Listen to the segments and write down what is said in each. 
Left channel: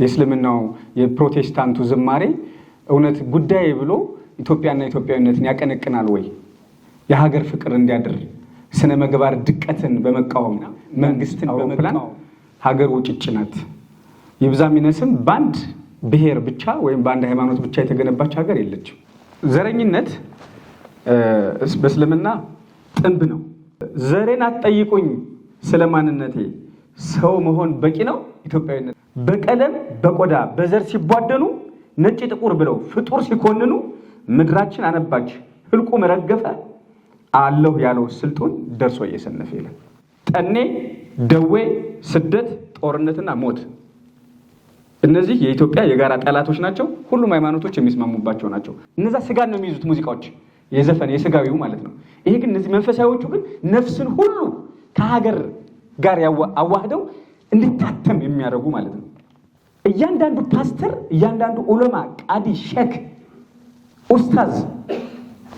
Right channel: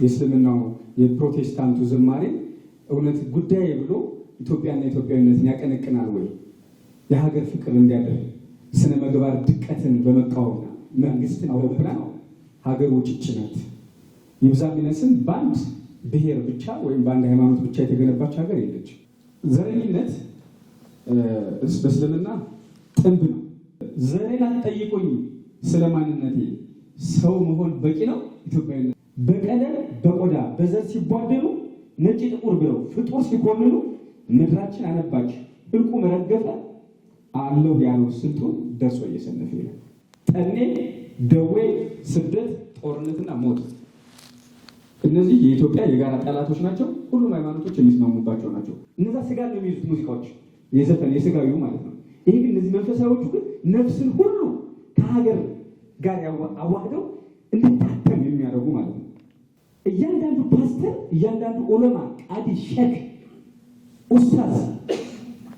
የእስልምናው የፕሮቴስታንቱ ዝማሬ እውነት ጉዳይ ብሎ ኢትዮጵያና ኢትዮጵያዊነትን ያቀነቅናል ወይ? የሀገር ፍቅር እንዲያድር ስነ ምግባር ድቀትን በመቃወም መንግስትን በመፕላን ሀገር ውጭጭ ናት። ይብዛም ይነስም በአንድ ብሔር ብቻ ወይም በአንድ ሃይማኖት ብቻ የተገነባች ሀገር የለችም። ዘረኝነት በእስልምና ጥንብ ነው። ዘሬን አትጠይቁኝ ስለማንነቴ ሰው መሆን በቂ ነው። ኢትዮጵያዊነት በቀለም በቆዳ በዘር ሲቧደኑ ነጭ ጥቁር ብለው ፍጡር ሲኮንኑ ምድራችን አነባች ህልቁ መረገፈ አለሁ ያለው ስልጡን ደርሶ እየሰነፈ ይላል። ጠኔ፣ ደዌ፣ ስደት፣ ጦርነትና ሞት እነዚህ የኢትዮጵያ የጋራ ጠላቶች ናቸው። ሁሉም ሃይማኖቶች የሚስማሙባቸው ናቸው። እነዛ ስጋን ነው የሚይዙት ሙዚቃዎች፣ የዘፈን የስጋዊው ማለት ነው። ይሄ ግን እነዚህ መንፈሳዊዎቹ ግን ነፍስን ሁሉ ከሀገር ጋር አዋህደው እንዲታተም የሚያደርጉ ማለት ነው። እያንዳንዱ ፓስተር፣ እያንዳንዱ ዑለማ፣ ቃዲ፣ ሼክ፣ ኡስታዝ፣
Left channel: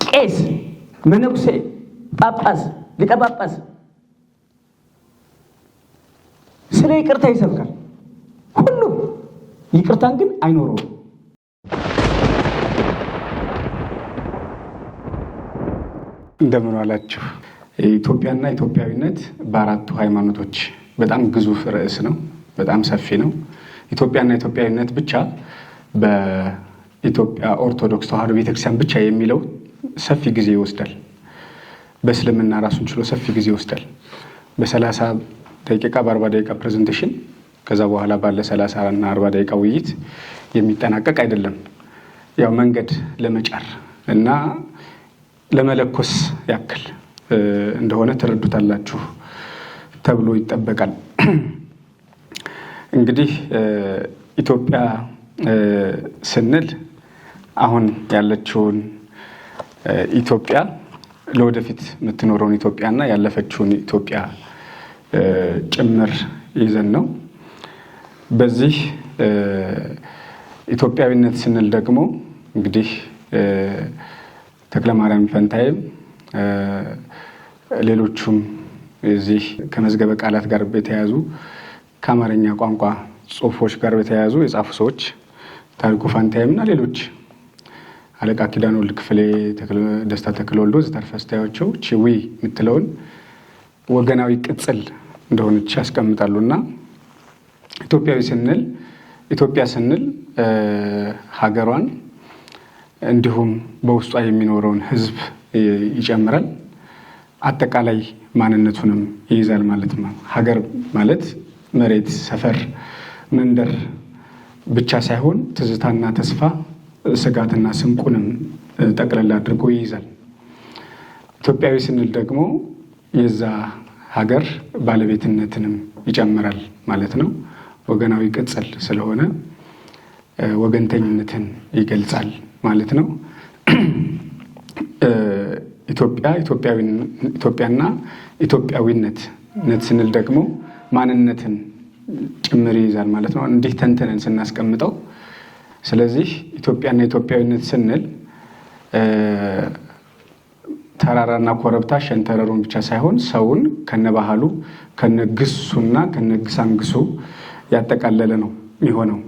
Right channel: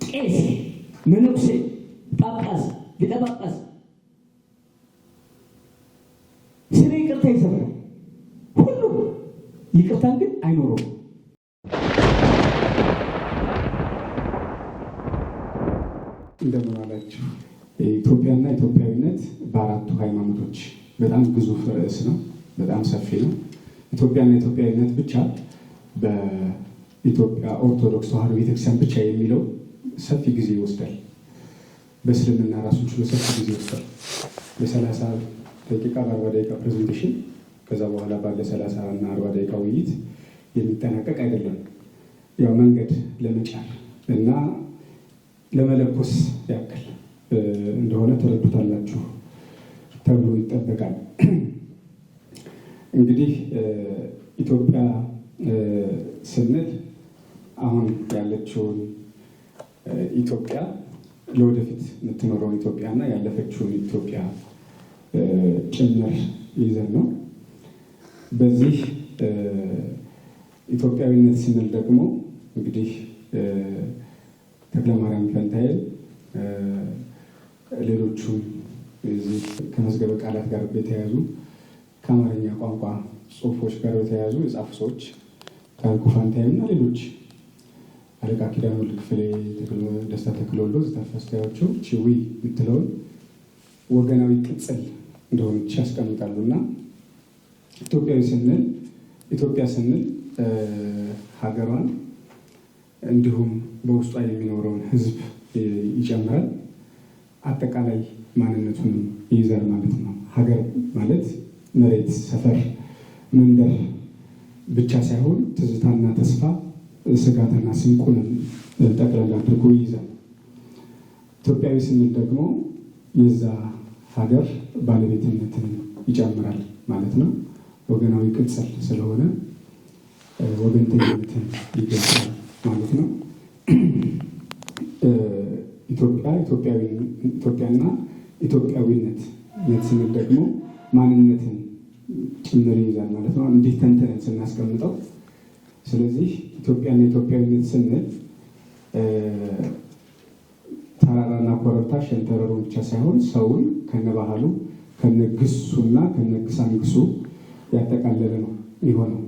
ቄስ፣ መነኩሴ፣ ጳጳስ፣ ሊቀ ጳጳስ ስለ ይቅርታ ይሰብካል። ሁሉም ይቅርታን ግን አይኖረውም። እንደምን ዋላችሁ። ኢትዮጵያና ኢትዮጵያዊነት በአራቱ ሃይማኖቶች በጣም ግዙፍ ርዕስ ነው። በጣም ሰፊ ነው። ኢትዮጵያና ኢትዮጵያዊነት ብቻ በኢትዮጵያ ኦርቶዶክስ ተዋሕዶ ቤተክርስቲያን ብቻ የሚለው ሰፊ ጊዜ ይወስዳል። በእስልምና ራሱን ችሎ ሰፊ ጊዜ ይወስዳል። በ30 ደቂቃ በ40 ደቂቃ ፕሬዘንቴሽን ከዛ በኋላ ባለ 30 እና 40 ደቂቃ ውይይት የሚጠናቀቅ አይደለም። ያው መንገድ ለመጫር እና ለመለኮስ ያክል እንደሆነ ትረዱታላችሁ ተብሎ ይጠበቃል። እንግዲህ ኢትዮጵያ ስንል አሁን ያለችውን ኢትዮጵያ፣ ለወደፊት የምትኖረውን ኢትዮጵያና ያለፈችውን ኢትዮጵያ ጭምር ይዘን ነው። በዚህ ኢትዮጵያዊነት ስንል ደግሞ እንግዲህ ተክለማርያም ፈንታዬም ሌሎቹም እዚህ ከመዝገበ ቃላት ጋር በተያያዙ ከአማርኛ ቋንቋ ጽሑፎች ጋር በተያያዙ የጻፉ ሰዎች ታሪኩ ፋንታዬም እና ሌሎች አለቃ ኪዳነ ወልድ ክፍሌ፣ ደስታ ተክለ ወልዶ ዘተርፈ ስታዮቸው ቺዊ የምትለውን ወገናዊ ቅጽል እንደሆነች ያስቀምጣሉ። እና ኢትዮጵያ ስንል ሀገሯን እንዲሁም በውስጧ የሚኖረውን ሕዝብ ይጨምራል። አጠቃላይ ማንነቱንም ይይዛል ማለት ነው። ሀገር ማለት መሬት፣ ሰፈር፣ መንደር ብቻ ሳይሆን ትዝታና ተስፋ፣ ስጋትና ስንቁንም ጠቅለል አድርጎ ይይዛል። ኢትዮጵያዊ ስንል ደግሞ የዛ ሀገር ባለቤትነትንም ይጨምራል ማለት ነው። ወገናዊ ቅጽል ስለሆነ ወገንተኝነትን ይገልጻል ማለት ነው። ኢትዮጵያና ኢትዮጵያዊነት ስንል ደግሞ ማንነትን ጭምር ይይዛል ማለት ነው። እንዲህ ተንተነን ስናስቀምጠው፣ ስለዚህ ኢትዮጵያና ኢትዮጵያዊነት ስንል ተራራና ኮረብታ ሸንተረሩን ብቻ ሳይሆን ሰውን ከነባህሉ ከነግሱና ከነግሳንግሱ ያጠቃለለ ነው የሚሆነው።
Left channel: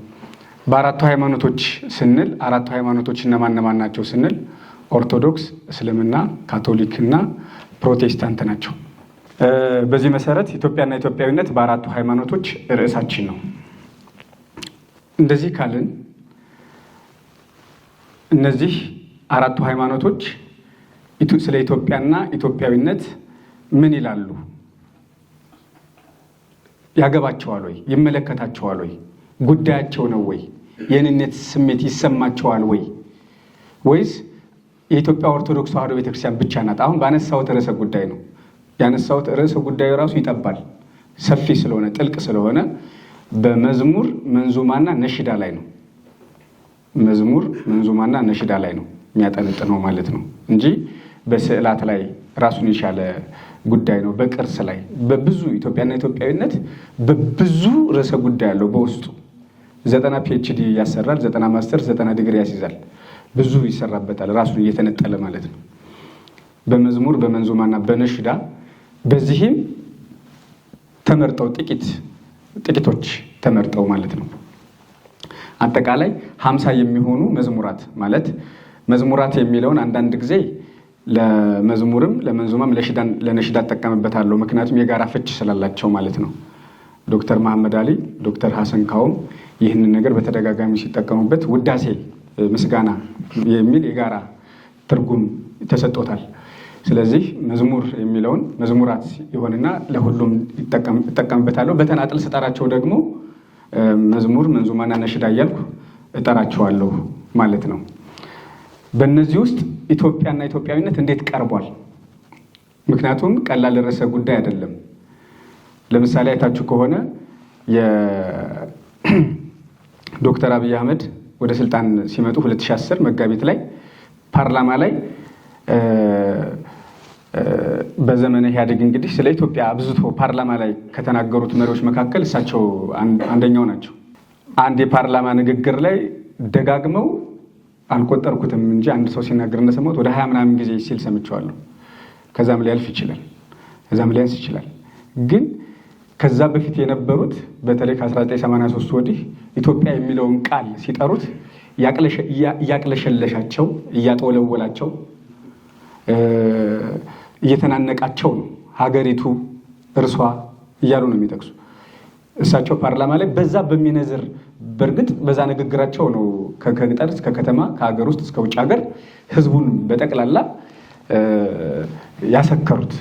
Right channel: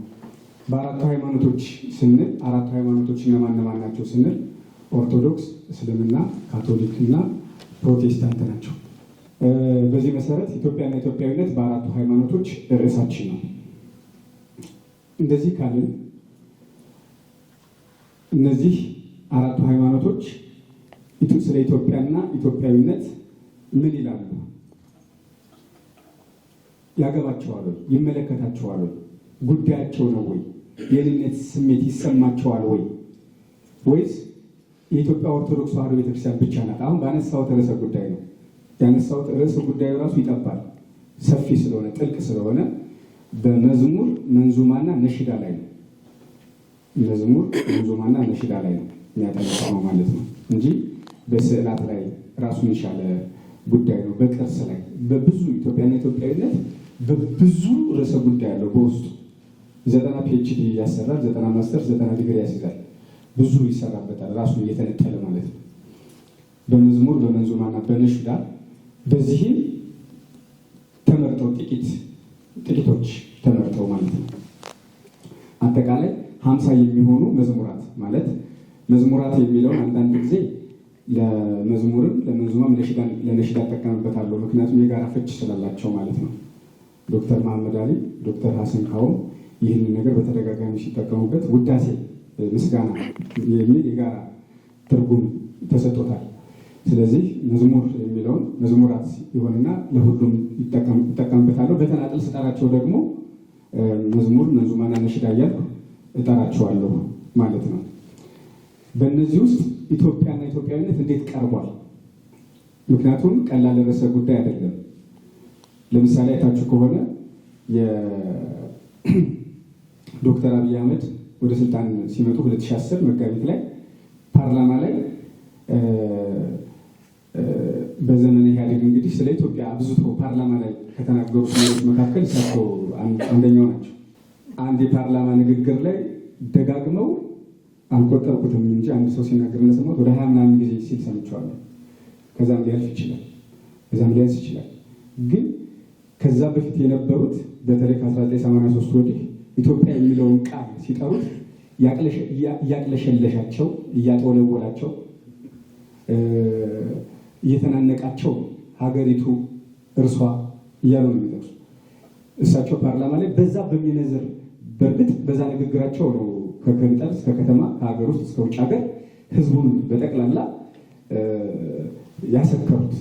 በአራቱ ሃይማኖቶች ስንል አራቱ ሃይማኖቶች እነማን ናቸው ስንል ኦርቶዶክስ፣ እስልምና፣ ካቶሊክ እና ፕሮቴስታንት ናቸው። በዚህ መሰረት ኢትዮጵያና ኢትዮጵያዊነት በአራቱ ሃይማኖቶች ርዕሳችን ነው። እንደዚህ ካልን እነዚህ አራቱ ሃይማኖቶች ስለ ኢትዮጵያና ኢትዮጵያዊነት ምን ይላሉ? ያገባቸዋል ወይ? ይመለከታቸዋል ወይ? ጉዳያቸው ነው ወይ? የእኔነት ስሜት ይሰማቸዋል ወይ? ወይስ የኢትዮጵያ ኦርቶዶክስ ተዋሕዶ ቤተክርስቲያን ብቻ ናት? አሁን ባነሳሁት ርዕሰ ጉዳይ ነው ያነሳሁት። ርዕሰ ጉዳዩ ራሱ ይጠባል፣ ሰፊ ስለሆነ ጥልቅ ስለሆነ በመዝሙር መንዙማና ነሽዳ ላይ ነው። መዝሙር መንዙማና ነሽዳ ላይ ነው የሚያጠነጥነው ማለት ነው እንጂ በስዕላት ላይ ራሱን የቻለ ጉዳይ ነው። በቅርስ ላይ በብዙ ኢትዮጵያና ኢትዮጵያዊነት በብዙ ርዕሰ ጉዳይ ያለው በውስጡ 90 PhD ያሰራል፣ 90 ማስተርስ፣ 90 ዲግሪ ያስይዛል። ብዙ ይሰራበታል ራሱን እየተነጠለ ማለት ነው። በመዝሙር በመንዙማና በነሽዳ በዚህም ተመርጠው ጥቂቶች ተመርጠው ማለት ነው። አጠቃላይ 50 የሚሆኑ መዝሙራት ማለት መዝሙራት የሚለውን አንዳንድ ጊዜ ለመዝሙርም ለመንዙማም ለነሽዳ እጠቀምበታለሁ። ምክንያቱም የጋራ ፍች ስላላቸው ማለት ነው። ዶክተር መሐመድ አሊ፣ ዶክተር ሀሰን ካውም ይህንን ነገር በተደጋጋሚ ሲጠቀሙበት ውዳሴ ምስጋና የሚል የጋራ ትርጉም ተሰጥቶታል። ስለዚህ መዝሙር የሚለውን መዝሙራት ይሆንና ለሁሉም ይጠቀምበታለሁ። በተናጥል ስጠራቸው ደግሞ መዝሙር፣ መንዙማና ነሽዳ እያልኩ እጠራቸዋለሁ ማለት ነው። በእነዚህ ውስጥ ኢትዮጵያና ኢትዮጵያዊነት እንዴት ቀርቧል? ምክንያቱም ቀላል ርዕሰ ጉዳይ አይደለም። ለምሳሌ አይታችሁ ከሆነ የዶክተር አብይ አህመድ ወደ ስልጣን ሲመጡ 2010 መጋቢት ላይ ፓርላማ ላይ በዘመነ ኢህአዴግ እንግዲህ ስለ ኢትዮጵያ አብዝቶ ፓርላማ ላይ ከተናገሩት መሪዎች መካከል እሳቸው አንደኛው ናቸው። አንድ የፓርላማ ንግግር ላይ ደጋግመው አልቆጠርኩትም እንጂ አንድ ሰው ሲናገር እንደሰማሁት ወደ 20 ምናምን ጊዜ ሲል ሰምቼዋለሁ። ከዛም ሊያልፍ ይችላል፣ ከዛም ሊያንስ ይችላል። ግን ከዛ በፊት የነበሩት በተለይ ከ1983 ወዲህ ኢትዮጵያ የሚለውን ቃል ሲጠሩት እያቅለሸለሻቸው፣ እያጠወለወላቸው፣ እየተናነቃቸው ነው። ሀገሪቱ እርሷ እያሉ ነው የሚጠቅሱ። እሳቸው ፓርላማ ላይ በዛ በሚነዝር በእርግጥ በዛ ንግግራቸው ነው ከገጠር እስከ ከተማ ከሀገር ውስጥ እስከ ውጭ ሀገር ህዝቡን በጠቅላላ ያሰከሩት።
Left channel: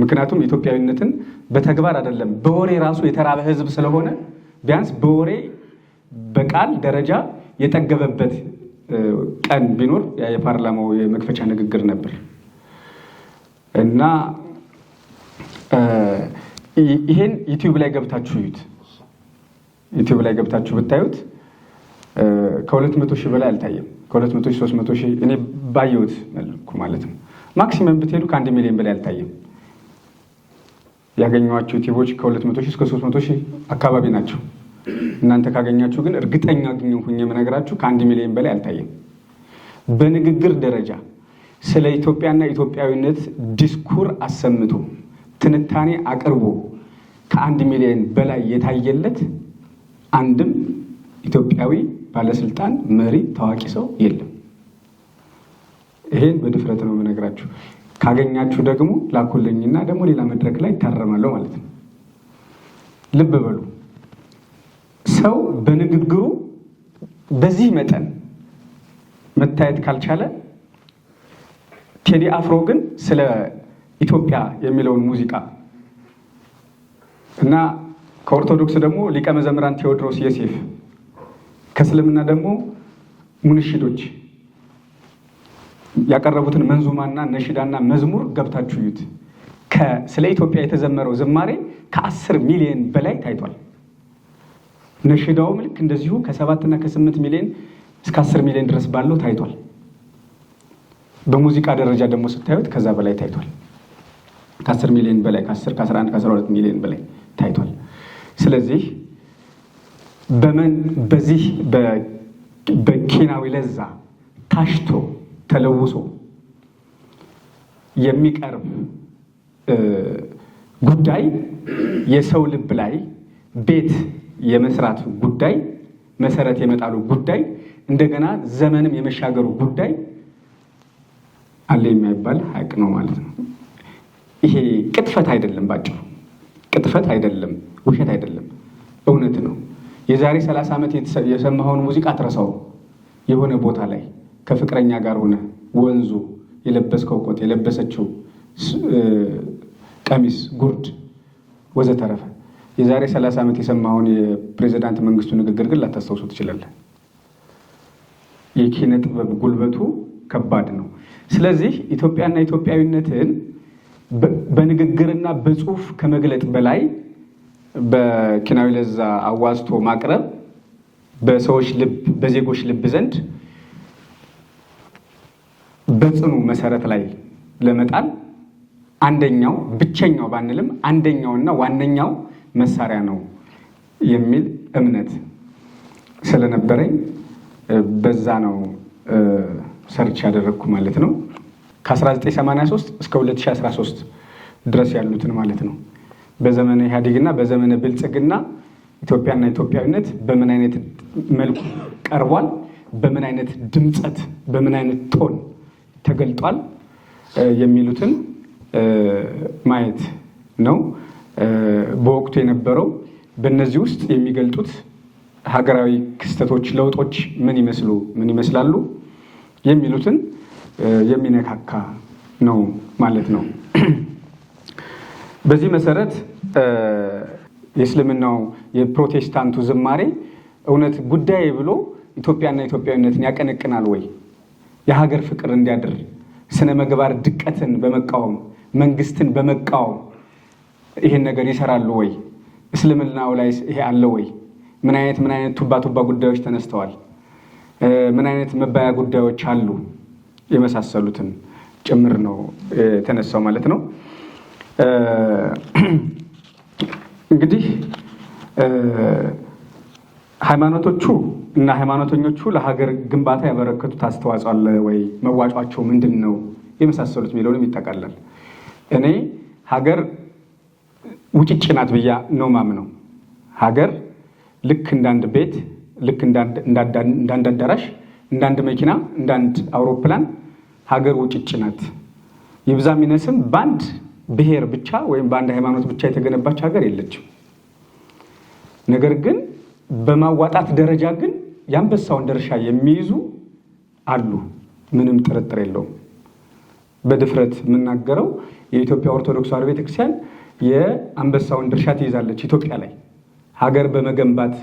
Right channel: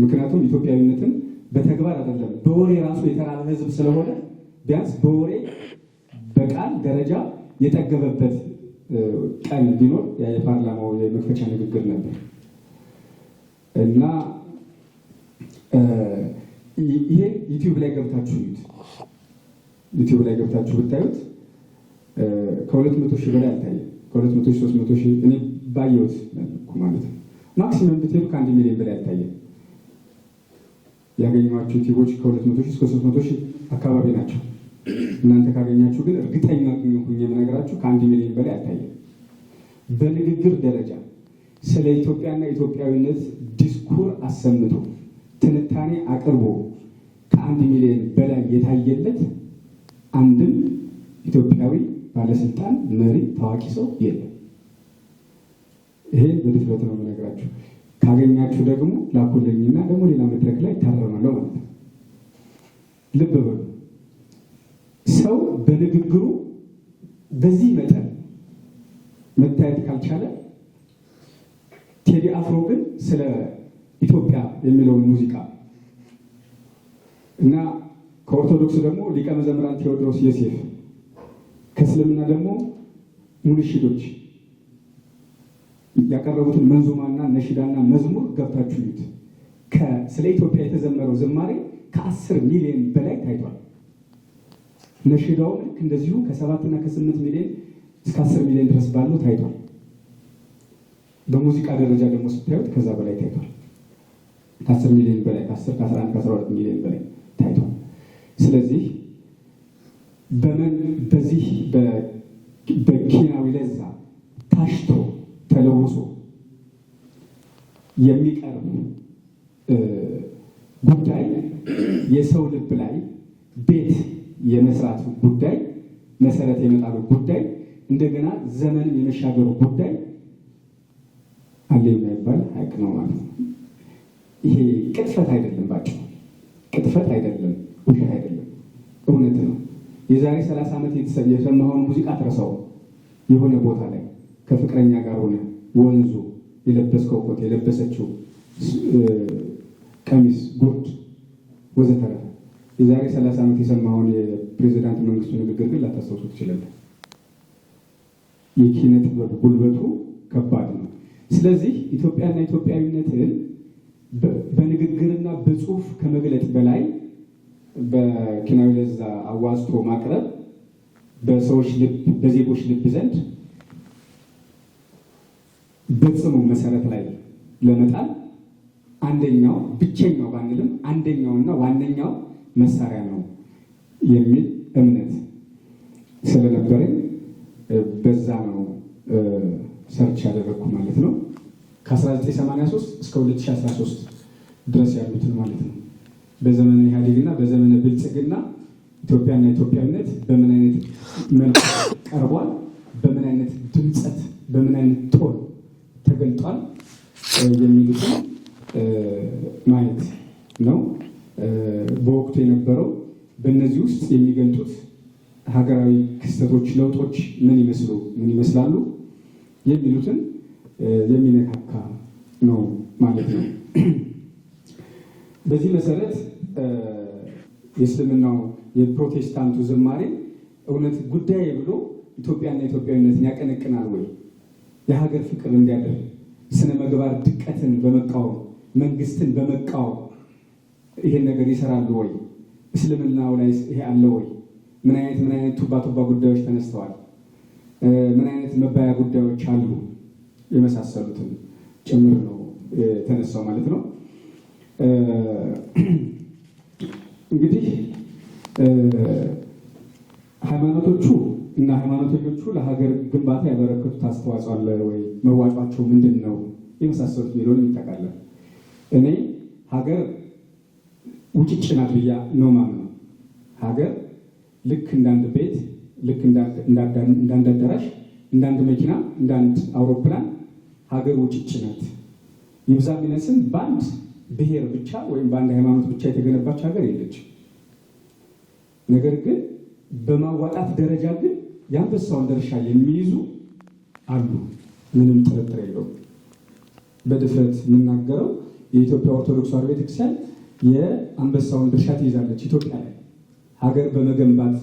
ምክንያቱም ኢትዮጵያዊነትን በተግባር አይደለም በወሬ ራሱ የተራበ ህዝብ ስለሆነ ቢያንስ በወሬ በቃል ደረጃ የጠገበበት ቀን ቢኖር የፓርላማው የመክፈቻ ንግግር ነበር እና ይሄን ዩቲዩብ ላይ ገብታችሁ እዩት። ዩቲዩብ ላይ ገብታችሁ ብታዩት ከ200 ሺህ በላይ አልታየም። ከ200 ሺህ 300 ሺህ እኔ ባየሁት መልኩ ማለት ነው። ማክሲመም ብትሄዱ ከ1 ሚሊዮን በላይ አልታየም። ያገኘኋቸው ዩቲዩቦች ከ200 ሺህ እስከ 300 ሺህ አካባቢ ናቸው። እናንተ ካገኛችሁ ግን እርግጠኛ ሁኜ የምነግራችሁ ከ1 ሚሊዮን በላይ አልታየም። በንግግር ደረጃ ስለ ኢትዮጵያና ኢትዮጵያዊነት ዲስኩር አሰምቶ ትንታኔ አቅርቦ ከ1 ሚሊዮን በላይ የታየለት አንድም ኢትዮጵያዊ ባለስልጣን፣ መሪ፣ ታዋቂ ሰው የለም። ይሄን በድፍረት ነው የምነግራችሁ። ካገኛችሁ ደግሞ ላኩልኝና ደግሞ ሌላ መድረክ ላይ ታረማለሁ ማለት ነው። ልብ በሉ። ሰው በንግግሩ በዚህ መጠን መታየት ካልቻለ ቴዲ አፍሮ ግን ስለ ኢትዮጵያ የሚለውን ሙዚቃ እና ከኦርቶዶክስ ደግሞ ሊቀ መዘምራን ቴዎድሮስ ዮሴፍ ከእስልምና ደግሞ ሙንሽዶች ያቀረቡትን መንዙማና ነሽዳና መዝሙር ገብታችሁ እዩት። ስለ ኢትዮጵያ የተዘመረው ዝማሬ ከ10 ሚሊዮን በላይ ታይቷል። ነሽዳውም ልክ እንደዚሁ ከ7 እና ከ8 ሚሊዮን እስከ 10 ሚሊዮን ድረስ ባለው ታይቷል። በሙዚቃ ደረጃ ደግሞ ስታዩት ከዛ በላይ ታይቷል። ከ10 ሚሊዮን በላይ ከ10 ከ11 ከ12 ሚሊዮን በላይ ታይቷል። ስለዚህ በዚህ በኪናዊ ለዛ ታሽቶ ተለውሶ የሚቀርብ ጉዳይ የሰው ልብ ላይ ቤት የመስራት ጉዳይ፣ መሰረት የመጣሉ ጉዳይ፣ እንደገና ዘመንም የመሻገሩ ጉዳይ አለ የማይባል ሀቅ ነው ማለት ነው። ይሄ ቅጥፈት አይደለም፣ ባጭሩ ቅጥፈት አይደለም፣ ውሸት አይደለም፣ እውነት ነው። የዛሬ 30 ዓመት የሰማኸውን ሙዚቃ አትረሳው። የሆነ ቦታ ላይ ከፍቅረኛ ጋር ሆነ ወንዙ፣ የለበስከው ኮት፣ የለበሰችው ቀሚስ፣ ጉርድ ወዘተረፈ የዛሬ 30 ዓመት የሰማኸውን የፕሬዚዳንት መንግስቱ ንግግር ግን ላታስታውሱ ትችላለህ። የኪነ ጥበብ ጉልበቱ ከባድ ነው። ስለዚህ ኢትዮጵያና ኢትዮጵያዊነትን በንግግርና በጽሁፍ ከመግለጥ በላይ በኪናዊ ለዛ አዋዝቶ ማቅረብ በሰዎች ልብ፣ በዜጎች ልብ ዘንድ በጽኑ መሰረት ላይ ለመጣል አንደኛው ብቸኛው ባንልም አንደኛውና ዋነኛው መሳሪያ ነው የሚል እምነት ስለነበረኝ በዛ ነው ሰርች ያደረግኩ ማለት ነው። ከ1983 እስከ 2013 ድረስ ያሉትን ማለት ነው። በዘመነ ኢህአዴግና በዘመነ ብልጽግና ኢትዮጵያና ኢትዮጵያዊነት በምን አይነት መልኩ ቀርቧል፣ በምን አይነት ድምፀት፣ በምን አይነት ቶን ተገልጧል የሚሉትን ማየት ነው። በወቅቱ የነበረው በእነዚህ ውስጥ የሚገልጡት ሀገራዊ ክስተቶች፣ ለውጦች ምን ይመስላሉ የሚሉትን የሚነካካ ነው ማለት ነው። በዚህ መሰረት የእስልምናው የፕሮቴስታንቱ ዝማሬ እውነት ጉዳይ ብሎ ኢትዮጵያና ኢትዮጵያዊነትን ያቀነቅናል ወይ? የሀገር ፍቅር እንዲያድር ስነ ምግባር ድቀትን በመቃወም መንግስትን በመቃወም ይሄን ነገር ይሰራሉ ወይ? እስልምናው ላይ ይሄ አለ ወይ? ምን አይነት ቱባ ጉዳዮች ተነስተዋል? ምን አይነት መባያ ጉዳዮች አሉ? የመሳሰሉትን ጭምር ነው የተነሳው ማለት ነው። እንግዲህ ሃይማኖቶቹ እና ሃይማኖተኞቹ ለሀገር ግንባታ ያበረከቱት አስተዋጽኦ አለ ወይ? መዋጯቸው ምንድን ነው? የመሳሰሉት የሚለውንም ይጠቃላል። እኔ ሀገር ውጭጭ ናት ብያ ነው ማምነው። ሀገር ልክ እንዳንድ ቤት፣ ልክ እንዳንድ አዳራሽ፣ እንዳንድ መኪና፣ እንዳንድ አውሮፕላን ሀገር ውጭጭ ናት። ይብዛ ሚነስም በአንድ ብሔር ብቻ ወይም በአንድ ሃይማኖት ብቻ የተገነባች ሀገር የለችም። ነገር ግን በማዋጣት ደረጃ ግን የአንበሳውን ድርሻ የሚይዙ አሉ፣ ምንም ጥርጥር የለውም። በድፍረት የምናገረው የኢትዮጵያ ኦርቶዶክስ ተዋሕዶ ቤተክርስቲያን የአንበሳውን ድርሻ ትይዛለች ኢትዮጵያ ላይ ሀገር በመገንባት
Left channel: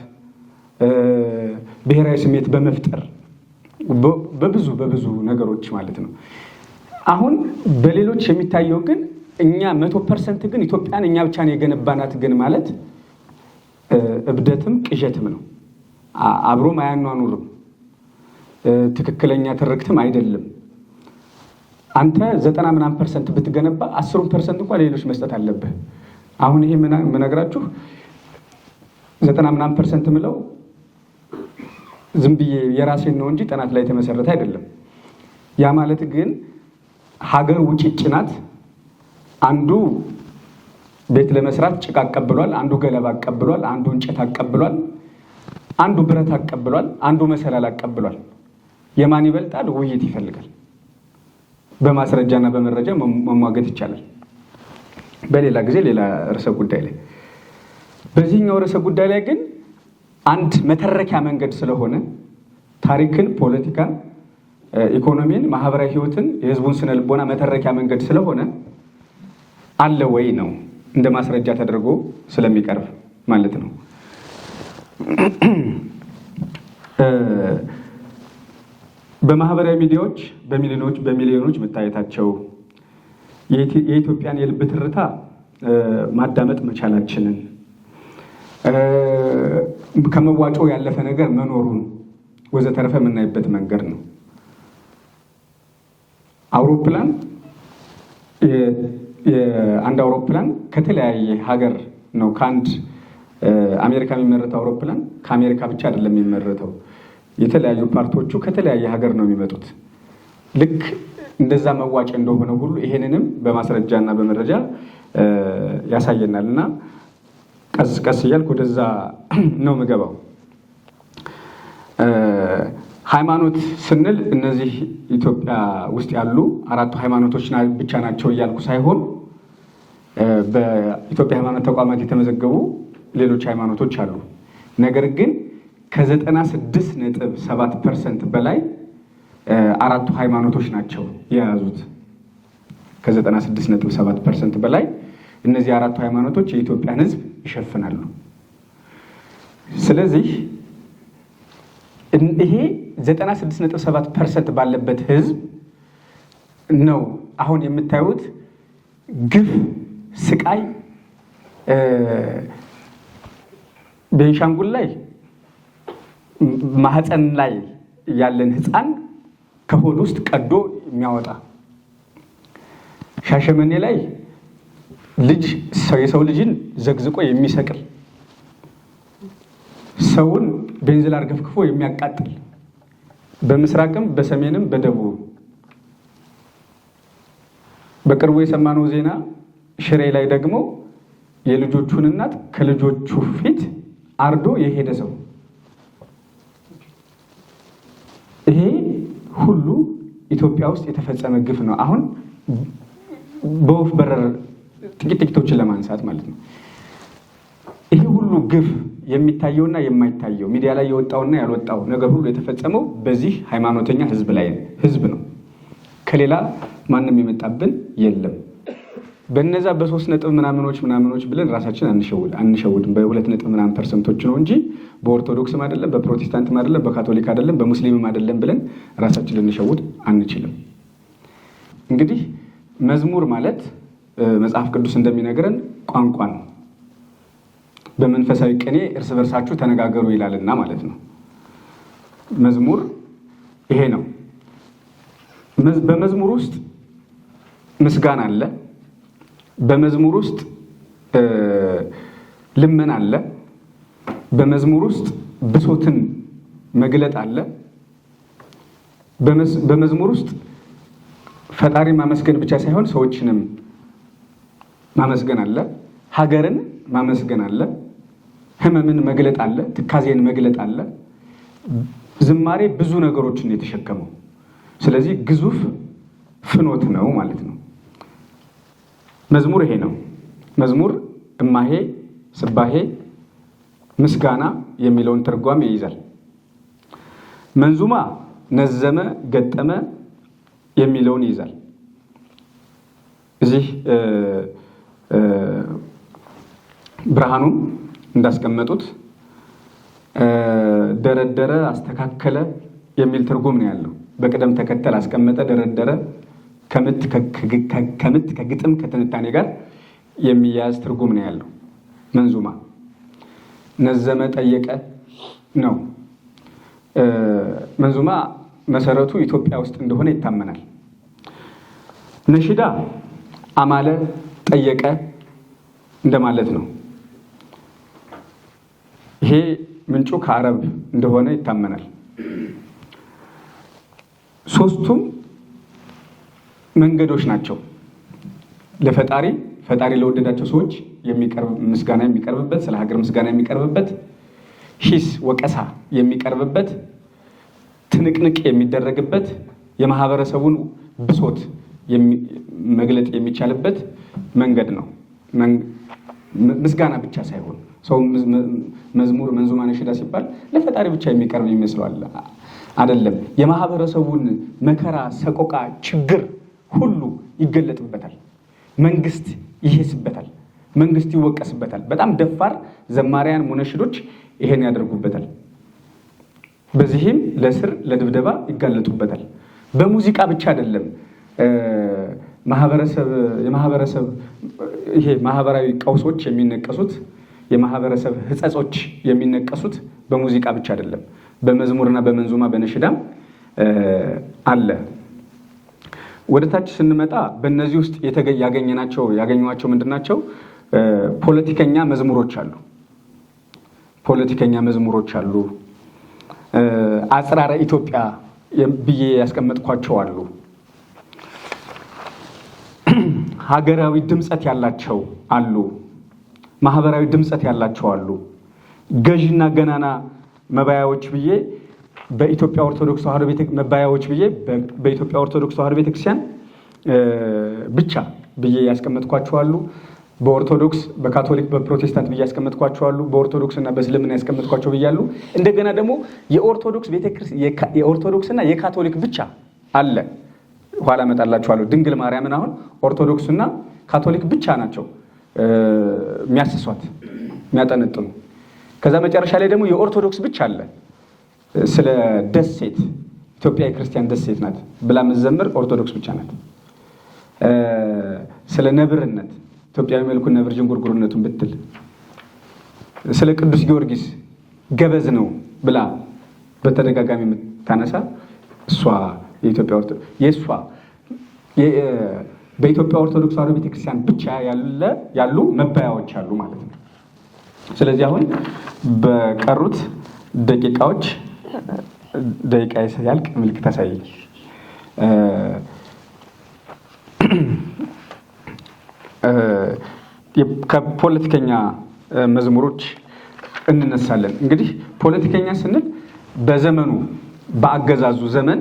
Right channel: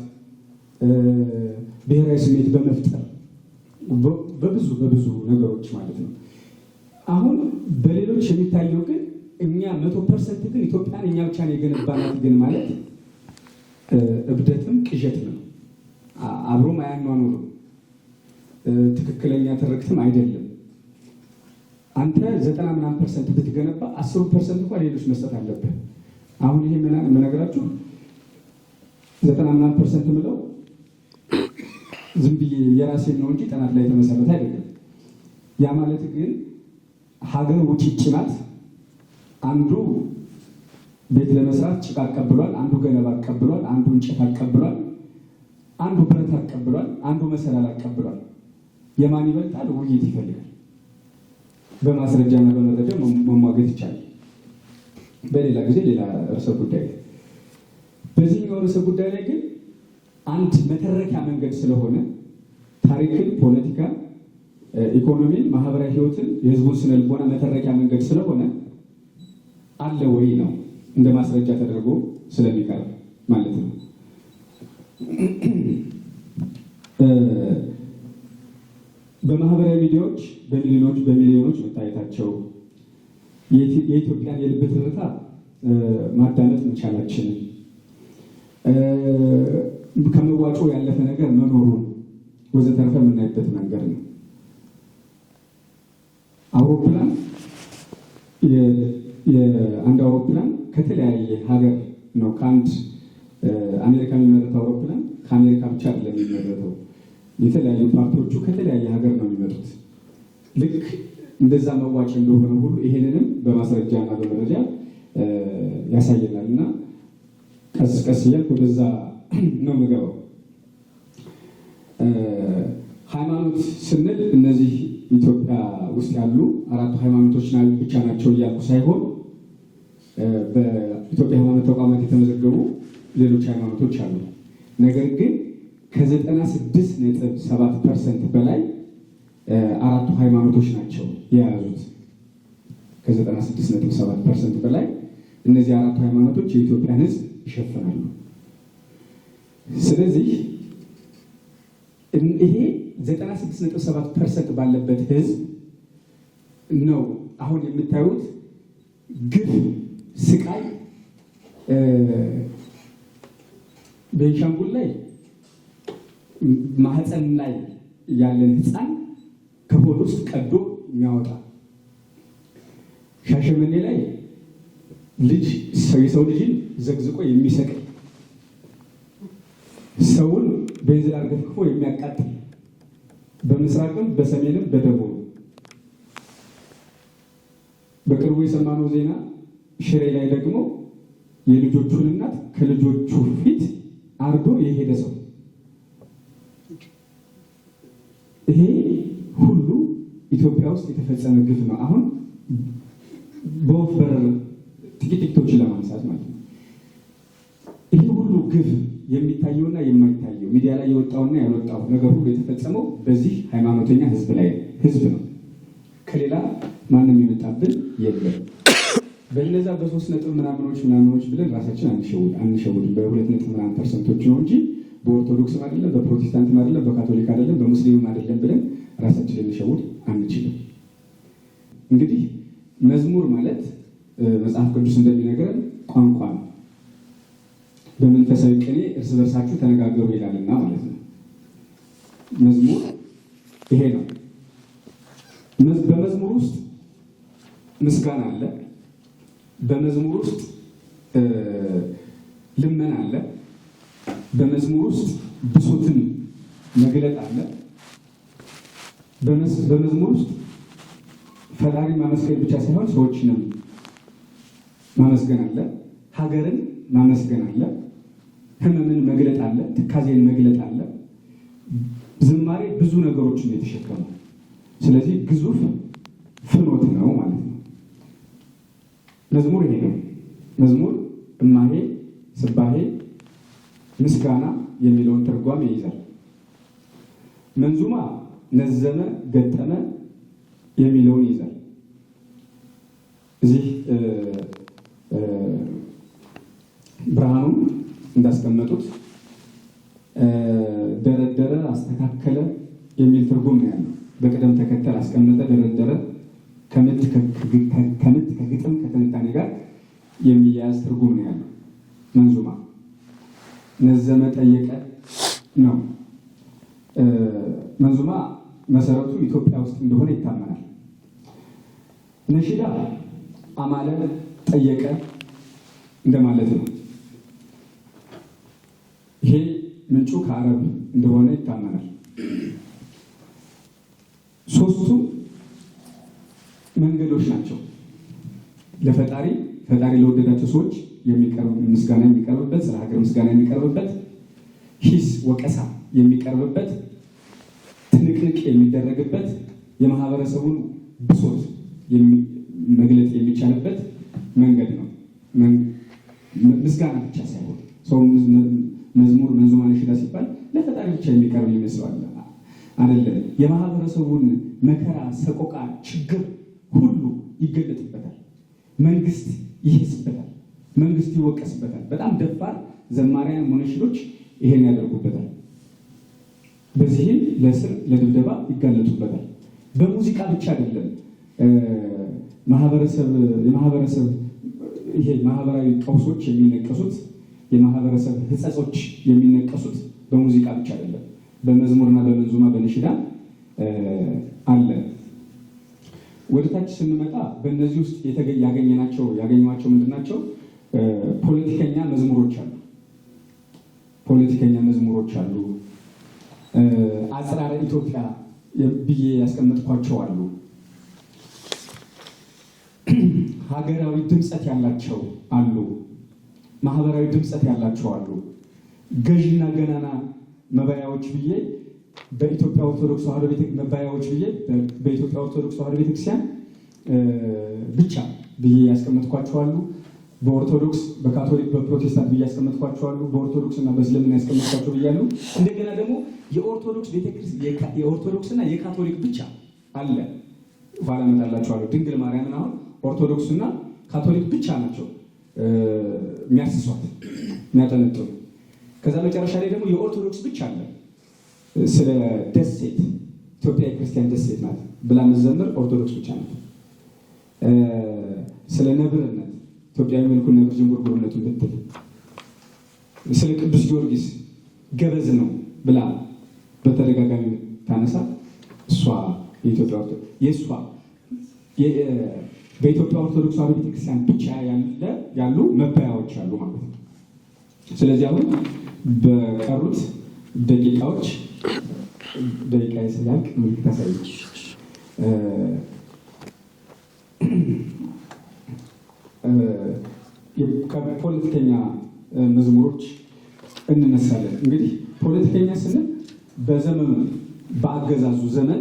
ብሔራዊ ስሜት በመፍጠር በብዙ ነገሮች ማለት ነው። አሁን በሌሎች የሚታየው ግን እኛ 100% ግን ኢትዮጵያን እኛ ብቻ ነው የገነባናት ግን ማለት እብደትም ቅዠትም ነው። አብሮም አያኗኑርም፣ ትክክለኛ ትርክትም አይደለም። አንተ 90% ብትገነባ 10% እንኳን ሌሎች መስጠት አለብህ። አሁን ይሄ የምነግራችሁ 90% ምለው ዝም ብዬ የራሴን ነው እንጂ ጥናት ላይ የተመሰረተ አይደለም። ያ ማለት ግን ሀገር ውጭጭ ናት። አንዱ ቤት ለመስራት ጭቃ አቀብሏል፣ አንዱ ገለባ አቀብሏል፣ አንዱ እንጨት አቀብሏል፣ አንዱ ብረት አቀብሏል፣ አንዱ መሰላል አቀብሏል። የማን ይበልጣል? ውይይት ይፈልጋል። በማስረጃና በመረጃ መሟገት ይቻላል። በሌላ ጊዜ ሌላ ርዕሰ ጉዳይ ላይ። በዚህኛው ርዕሰ ጉዳይ ላይ ግን አንድ መተረኪያ መንገድ ስለሆነ ታሪክን፣ ፖለቲካን፣ ኢኮኖሚን፣ ማህበራዊ ህይወትን፣ የህዝቡን ስነ ልቦና መተረኪያ መንገድ ስለሆነ አለ ወይ ነው እንደ ማስረጃ ተደርጎ ስለሚቀርብ ማለት ነው። በማህበራዊ ሚዲያዎች በሚሊዮኖች መታየታቸው የኢትዮጵያን የልብ ትርታ ማዳመጥ መቻላችንን ከመዋጮ ያለፈ ነገር መኖሩን ወዘተረፈ የምናይበት መንገድ ነው። አውሮፕላን የአንድ አውሮፕላን ከተለያየ ሀገር ነው። ከአንድ አሜሪካ የሚመረተው አውሮፕላን ከአሜሪካ ብቻ አይደለም የሚመረተው። የተለያዩ ፓርቶቹ ከተለያየ ሀገር ነው የሚመጡት። ልክ እንደዛ መዋጭ እንደሆነ ሁሉ ይሄንንም በማስረጃ እና በመረጃ ያሳየናል እና ቀስ ቀስ እያልኩ ወደዛ ነው የምገባው። ሃይማኖት ስንል እነዚህ ኢትዮጵያ ውስጥ ያሉ አራቱ ሃይማኖቶች ብቻ ናቸው እያልኩ ሳይሆን በኢትዮጵያ ሃይማኖት ተቋማት የተመዘገቡ ሌሎች ሃይማኖቶች አሉ። ነገር ግን ከ96.7% በላይ አራቱ ሃይማኖቶች ናቸው የያዙት። ከ96.7% በላይ እነዚህ አራቱ ሃይማኖቶች የኢትዮጵያን ሕዝብ ይሸፍናሉ። ስለዚህ ይሄ 96.7% ባለበት ሕዝብ ነው አሁን የምታዩት ግፍ፣ ስቃይ። ቤንሻንጉል ላይ ማህፀን ላይ ያለን ህፃን ከሆድ ውስጥ ቀዶ የሚያወጣ፣ ሻሸመኔ ላይ የሰው ልጅን ዘግዝቆ የሚሰቅል፣ ሰውን ቤንዚል አርገፍክፎ የሚያቃጥል፣ በምስራቅም በሰሜንም በደቡብ። በቅርቡ የሰማነው ዜና ሽሬ ላይ ደግሞ የልጆቹን እናት ከልጆቹ ፊት አርዶ የሄደ ሰው ይሄ ሁሉ ኢትዮጵያ ውስጥ የተፈጸመ ግፍ ነው። አሁን በወፍ በረር ጥቂቶችን ለማንሳት ማለት ነው። ይሄ ሁሉ ግፍ የሚታየውና የማይታየው ሚዲያ ላይ የወጣውና ያልወጣው ነገር ሁሉ የተፈጸመው በዚህ ሃይማኖተኛ ህዝብ ነው። ከሌላ ማንም የመጣብን የለም። በነዛ በ3 ነጥብ ምናምኖች ብለን ራሳችን አንሸውድም። በ2 ነጥብ ምናምን ፐርሰንቶች ነው እንጂ በኦርቶዶክስም አይደለም፣ በፕሮቴስታንትም አይደለም፣ በካቶሊክ አይደለም፣ በሙስሊምም አይደለም ብለን ራሳችን ልንሸውድ አንችልም። እንግዲህ መዝሙር ማለት መጽሐፍ ቅዱስ እንደሚነግረን ቋንቋ ነው። በመንፈሳዊ ቅኔ እርስ በርሳችሁ ተነጋገሩ ይላልና ማለት ነው። መዝሙር ይሄ ነው። በመዝሙር ውስጥ ምስጋና አለ። በመዝሙር ውስጥ ልመና አለ። በመዝሙር ውስጥ ብሶትን መግለጥ አለ። በመዝሙር ውስጥ ፈጣሪ ማመስገን ብቻ ሳይሆን ሰዎችንም ማመስገን አለ። ሀገርን ማመስገን አለ። ሕመምን መግለጥ አለ። ትካዜን መግለጥ አለ። ዝማሬ ብዙ ነገሮችን የተሸከመው ስለዚህ ግዙፍ ፍኖት ነው ማለት ነው። መዝሙር ይሄ ነው። መዝሙር እማሄ፣ ስባሄ፣ ምስጋና የሚለውን ትርጓሜ ይይዛል። መንዙማ ነዘመ፣ ገጠመ የሚለውን ይይዛል። እዚህ ብርሃኑም እንዳስቀመጡት ደረደረ፣ አስተካከለ የሚል ትርጉም ነው ያለው። በቅደም ተከተል አስቀመጠ፣ ደረደረ፣ ከምት ከግጥም ከትንታኔ ጋር የሚያያዝ ትርጉም ነው ያለው። መንዙማ ነዘመ፣ ጠየቀ ነው። መንዙማ መሰረቱ ኢትዮጵያ ውስጥ እንደሆነ ይታመናል። ነሽዳ አማለ፣ ጠየቀ እንደማለት ነው። ይሄ ምንጩ ከአረብ እንደሆነ ይታመናል። ሶስቱም መንገዶች ናቸው ለፈጣሪ ለወደዳቸው ሰዎች ምስጋና የሚቀርብበት፣ ስለ ሀገር ምስጋና የሚቀርብበት፣ ሂስ ወቀሳ የሚቀርብበት፣ ትንቅንቅ የሚደረግበት፣ የማህበረሰቡን ብሶት መግለጥ የሚቻልበት መንገድ ነው። ምስጋና ብቻ ሳይሆን ሰው መዝሙር፣ መንዙማ፣ ነሽዳ ሲባል ለፈጣሪ ብቻ የሚቀርብ ይመስለዋል። አይደለም። የማህበረሰቡን መከራ፣ ሰቆቃ፣ ችግር ሁሉ ይገለጥበታል። መንግስት ይሄስበታል። መንግስት ይወቀስበታል። በጣም ደፋር ዘማሪያን ሙነሽዶች ይሄን ያደርጉበታል። በዚህም ለስር ለድብደባ ይጋለጡበታል። በሙዚቃ ብቻ አይደለም። ይሄ ማህበራዊ ቀውሶች የሚነቀሱት፣ የማህበረሰብ ህጸጾች የሚነቀሱት በሙዚቃ ብቻ አይደለም። በመዝሙርና በመንዙማ በነሽዳም አለ። ወደ ታች ስንመጣ በእነዚህ ውስጥ ያገኟቸው ምንድናቸው? ፖለቲከኛ መዝሙሮች አሉ። አጽራረ ኢትዮጵያ ብዬ ያስቀመጥኳቸው አሉ። ሀገራዊ ድምፀት ያላቸው አሉ። ማህበራዊ ድምፀት ያላቸው አሉ። ገዥና ገናና መባያዎች ብዬ በኢትዮጵያ ኦርቶዶክስ ተዋሕዶ ቤተክርስቲያን ብቻ ብዬ ያስቀመጥኳቸው አሉ። በኦርቶዶክስ፣ በካቶሊክ፣ በፕሮቴስታንት ብዬ ያስቀመጥኳቸው አሉ። በኦርቶዶክስ እና በእስልምና ያስቀመጥኳቸው ብያሉ። እንደገና ደግሞ የኦርቶዶክስና የካቶሊክ ብቻ አለ። ኋላ እመጣላችኋለሁ። ድንግል ማርያምን አሁን ኦርቶዶክስና ካቶሊክ ብቻ ናቸው የሚያስሷት የሚያጠነጥኑ። ከዛ መጨረሻ ላይ ደግሞ የኦርቶዶክስ ብቻ አለ። ስለ ደሴት ኢትዮጵያ የክርስቲያን ደሴት ናት ብላ የምትዘምር ኦርቶዶክስ ብቻ ናት። ስለ ነብርነት ኢትዮጵያዊ መልኩን ነብር ዥንጉርጉርነቱን ብትል፣ ስለ ቅዱስ ጊዮርጊስ ገበዝ ነው ብላ በተደጋጋሚ የምታነሳ እሷ በኢትዮጵያ ኦርቶዶክስ ተዋሕዶ ቤተክርስቲያን ብቻ ያሉ መባያዎች አሉ ማለት ነው። ስለዚህ አሁን በቀሩት ደቂቃዎች ደቂቃ ያልቅ ምልክት አሳይ። ከፖለቲከኛ መዝሙሮች እንነሳለን። እንግዲህ ፖለቲከኛ ስንል በዘመኑ በአገዛዙ ዘመን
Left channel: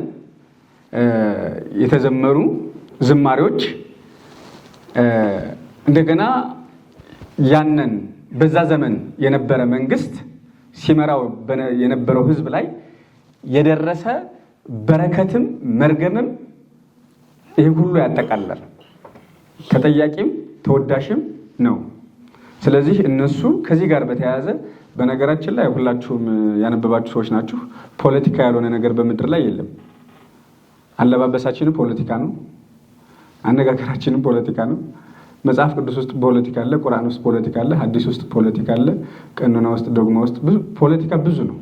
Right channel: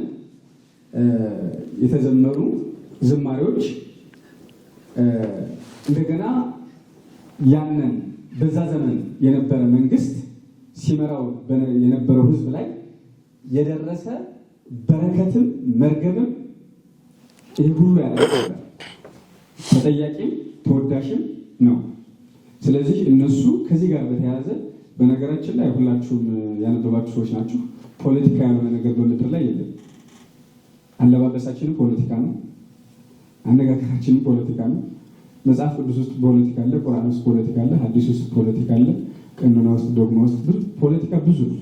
የተዘመሩ ዝማሬዎች እንደገና ያንን በዛ ዘመን የነበረ መንግስት ሲመራው የነበረው ህዝብ ላይ የደረሰ በረከትም መርገምም ይህ ሁሉ ያጠቃልላል። ተጠያቂም ተወዳሽም ነው። ስለዚህ እነሱ ከዚህ ጋር በተያያዘ በነገራችን ላይ ሁላችሁም ያነበባችሁ ሰዎች ናችሁ። ፖለቲካ ያልሆነ ነገር በምድር ላይ የለም። አለባበሳችንም ፖለቲካ ነው። አነጋገራችንም ፖለቲካ ነው። መጽሐፍ ቅዱስ ውስጥ ፖለቲካ አለ፣ ቁርአን ውስጥ ፖለቲካ አለ፣ ሐዲስ ውስጥ ፖለቲካ አለ፣ ቀኖና ውስጥ ዶግማ ውስጥ ብዙ ፖለቲካ ብዙ ነው።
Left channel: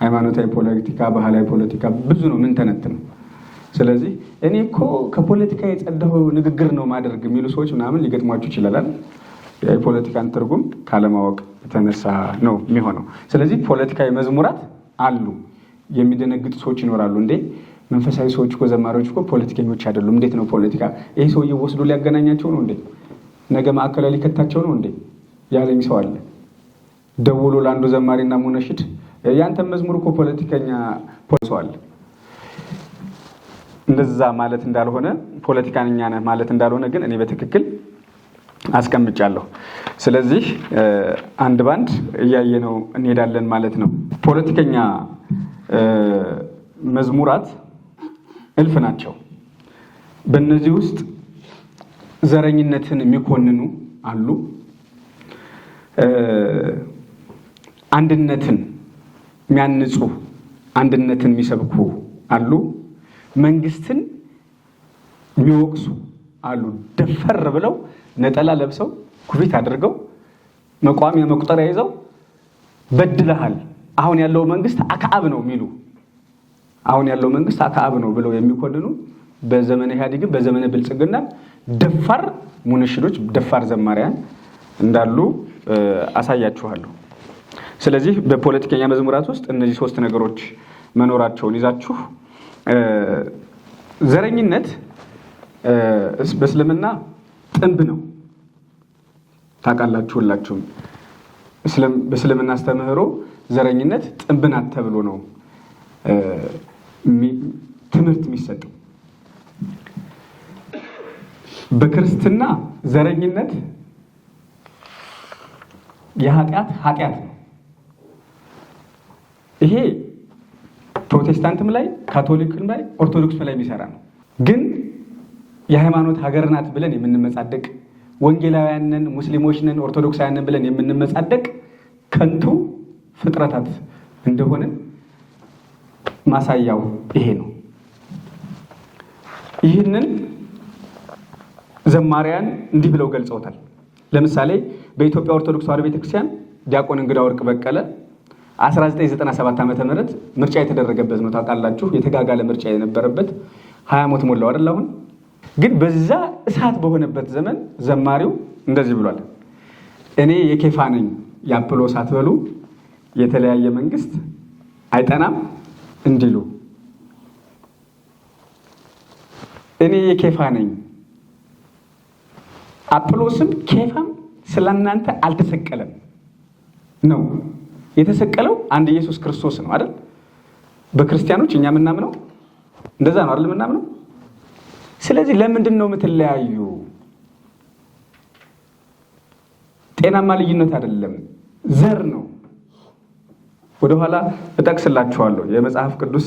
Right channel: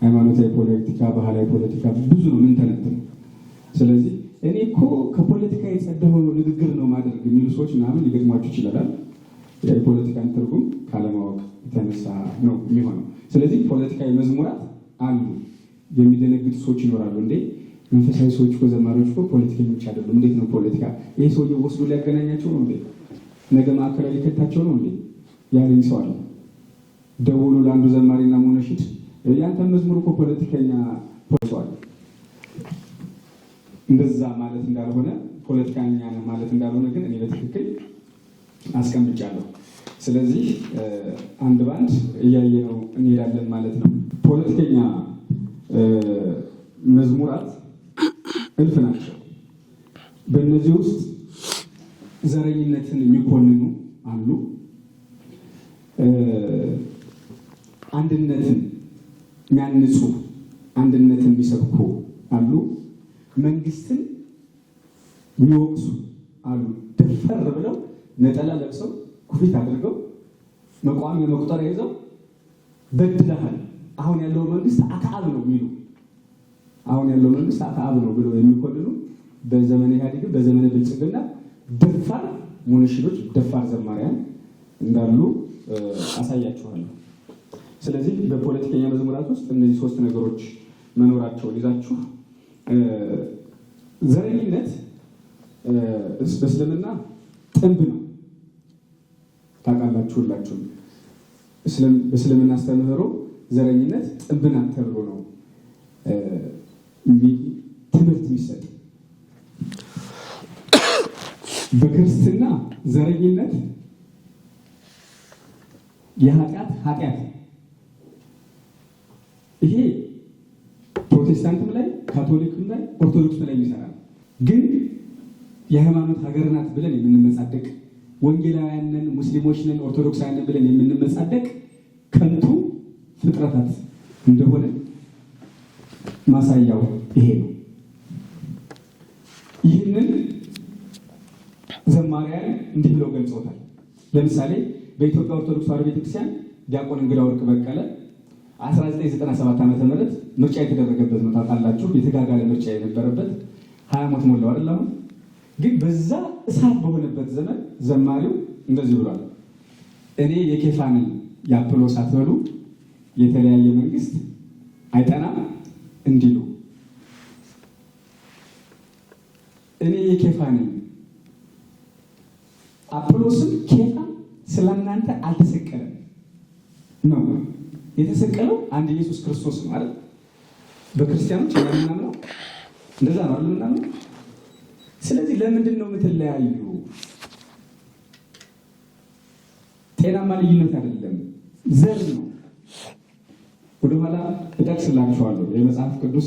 ሃይማኖታዊ ፖለቲካ፣ ባህላዊ ፖለቲካ ብዙ ነው። ምን ተነትነው። ስለዚህ እኔ እኮ ከፖለቲካ የጸዳው ንግግር ነው ማድረግ የሚሉ ሰዎች ምናምን ሊገጥሟችሁ ይችላል። የፖለቲካን ትርጉም ካለማወቅ የተነሳ ነው የሚሆነው። ስለዚህ ፖለቲካዊ መዝሙራት አሉ። የሚደነግጡ ሰዎች ይኖራሉ። እንዴ መንፈሳዊ ሰዎች እኮ ዘማሪዎች እኮ ፖለቲከኞች አይደሉም፣ እንዴት ነው ፖለቲካ? ይሄ ሰውዬ ወስዶ ሊያገናኛቸው ነው እንዴ? ነገ ማዕከላዊ ሊከታቸው ነው እንዴ ያለኝ ሰው አለ። ደውሎ ለአንዱ ዘማሪና ሙነሽድ ያንተን መዝሙር እኮ ፖለቲከኛ ሰው አለ። እንደዛ ማለት እንዳልሆነ ፖለቲካኛ ነህ ማለት እንዳልሆነ ግን እኔ በትክክል አስቀምጫለሁ። ስለዚህ አንድ ባንድ እያየነው እንሄዳለን ማለት ነው። ፖለቲከኛ መዝሙራት እልፍ ናቸው። በእነዚህ ውስጥ ዘረኝነትን የሚኮንኑ አሉ። አንድነትን የሚያንጹ፣ አንድነትን የሚሰብኩ አሉ። መንግስትን የሚወቅሱ አሉ። ደፈር ብለው ነጠላ ለብሰው ኩፊት አድርገው መቋሚያ መቁጠሪያ ይዘው በድለሃል፣ አሁን ያለው መንግስት አክዓብ ነው የሚሉ፣ አሁን ያለው መንግስት አክዓብ ነው ብለው የሚኮንኑ በዘመነ ኢህአዴግም በዘመነ ብልጽግና ደፋር ሙነሽዶች፣ ደፋር ዘማሪያን እንዳሉ አሳያችኋለሁ። ስለዚህ በፖለቲከኛ መዝሙራት ውስጥ እነዚህ ሶስት ነገሮች መኖራቸውን ይዛችሁ ዘረኝነት በእስልምና ጥንብ ነው። ታውቃላችሁ ሁላችሁም። በእስልምና አስተምህሮ ዘረኝነት ጥንብ ናት ተብሎ ነው ትምህርት የሚሰጠው። በክርስትና ዘረኝነት ኃጢአት ነው። ይሄ ፕሮቴስታንትም ላይ ካቶሊክም ላይ ኦርቶዶክስም ላይ የሚሰራ ነው። ግን የሃይማኖት ሀገር ናት ብለን የምንመጻደቅ ወንጌላውያንን፣ ሙስሊሞችንን፣ ኦርቶዶክሳውያንን ብለን የምንመጻደቅ ከንቱ ፍጥረታት እንደሆንን ማሳያው ይሄ ነው። ይህንን ዘማሪያን እንዲህ ብለው ገልጸውታል። ለምሳሌ በኢትዮጵያ ኦርቶዶክስ ተዋሕዶ ቤተክርስቲያን ዲያቆን እንግዳ ወርቅ በቀለ 1997 ዓመተ ምህረት ምርጫ የተደረገበት ነው። ታውቃላችሁ፣ የተጋጋለ ምርጫ የነበረበት 20 ዓመት ሞላው አይደል? አሁን ግን በዛ እሳት በሆነበት ዘመን ዘማሪው እንደዚህ ብሏል። እኔ የኬፋ ነኝ የአጵሎስ አትበሉ፣ የተለያየ መንግስት አይጠናም እንዲሉ። እኔ የኬፋ ነኝ፣ አጵሎስም ኬፋም ስለናንተ አልተሰቀለም ነው። የተሰቀለው አንድ ኢየሱስ ክርስቶስ ነው አይደል? በክርስቲያኖች እኛ የምናምነው እንደዛ ነው አይደል? የምናምነው። ስለዚህ ለምንድን ነው የምትለያዩ? ጤናማ ልዩነት አይደለም፣ ዘር ነው። ወደኋላ እጠቅስላችኋለሁ። የመጽሐፍ ቅዱስ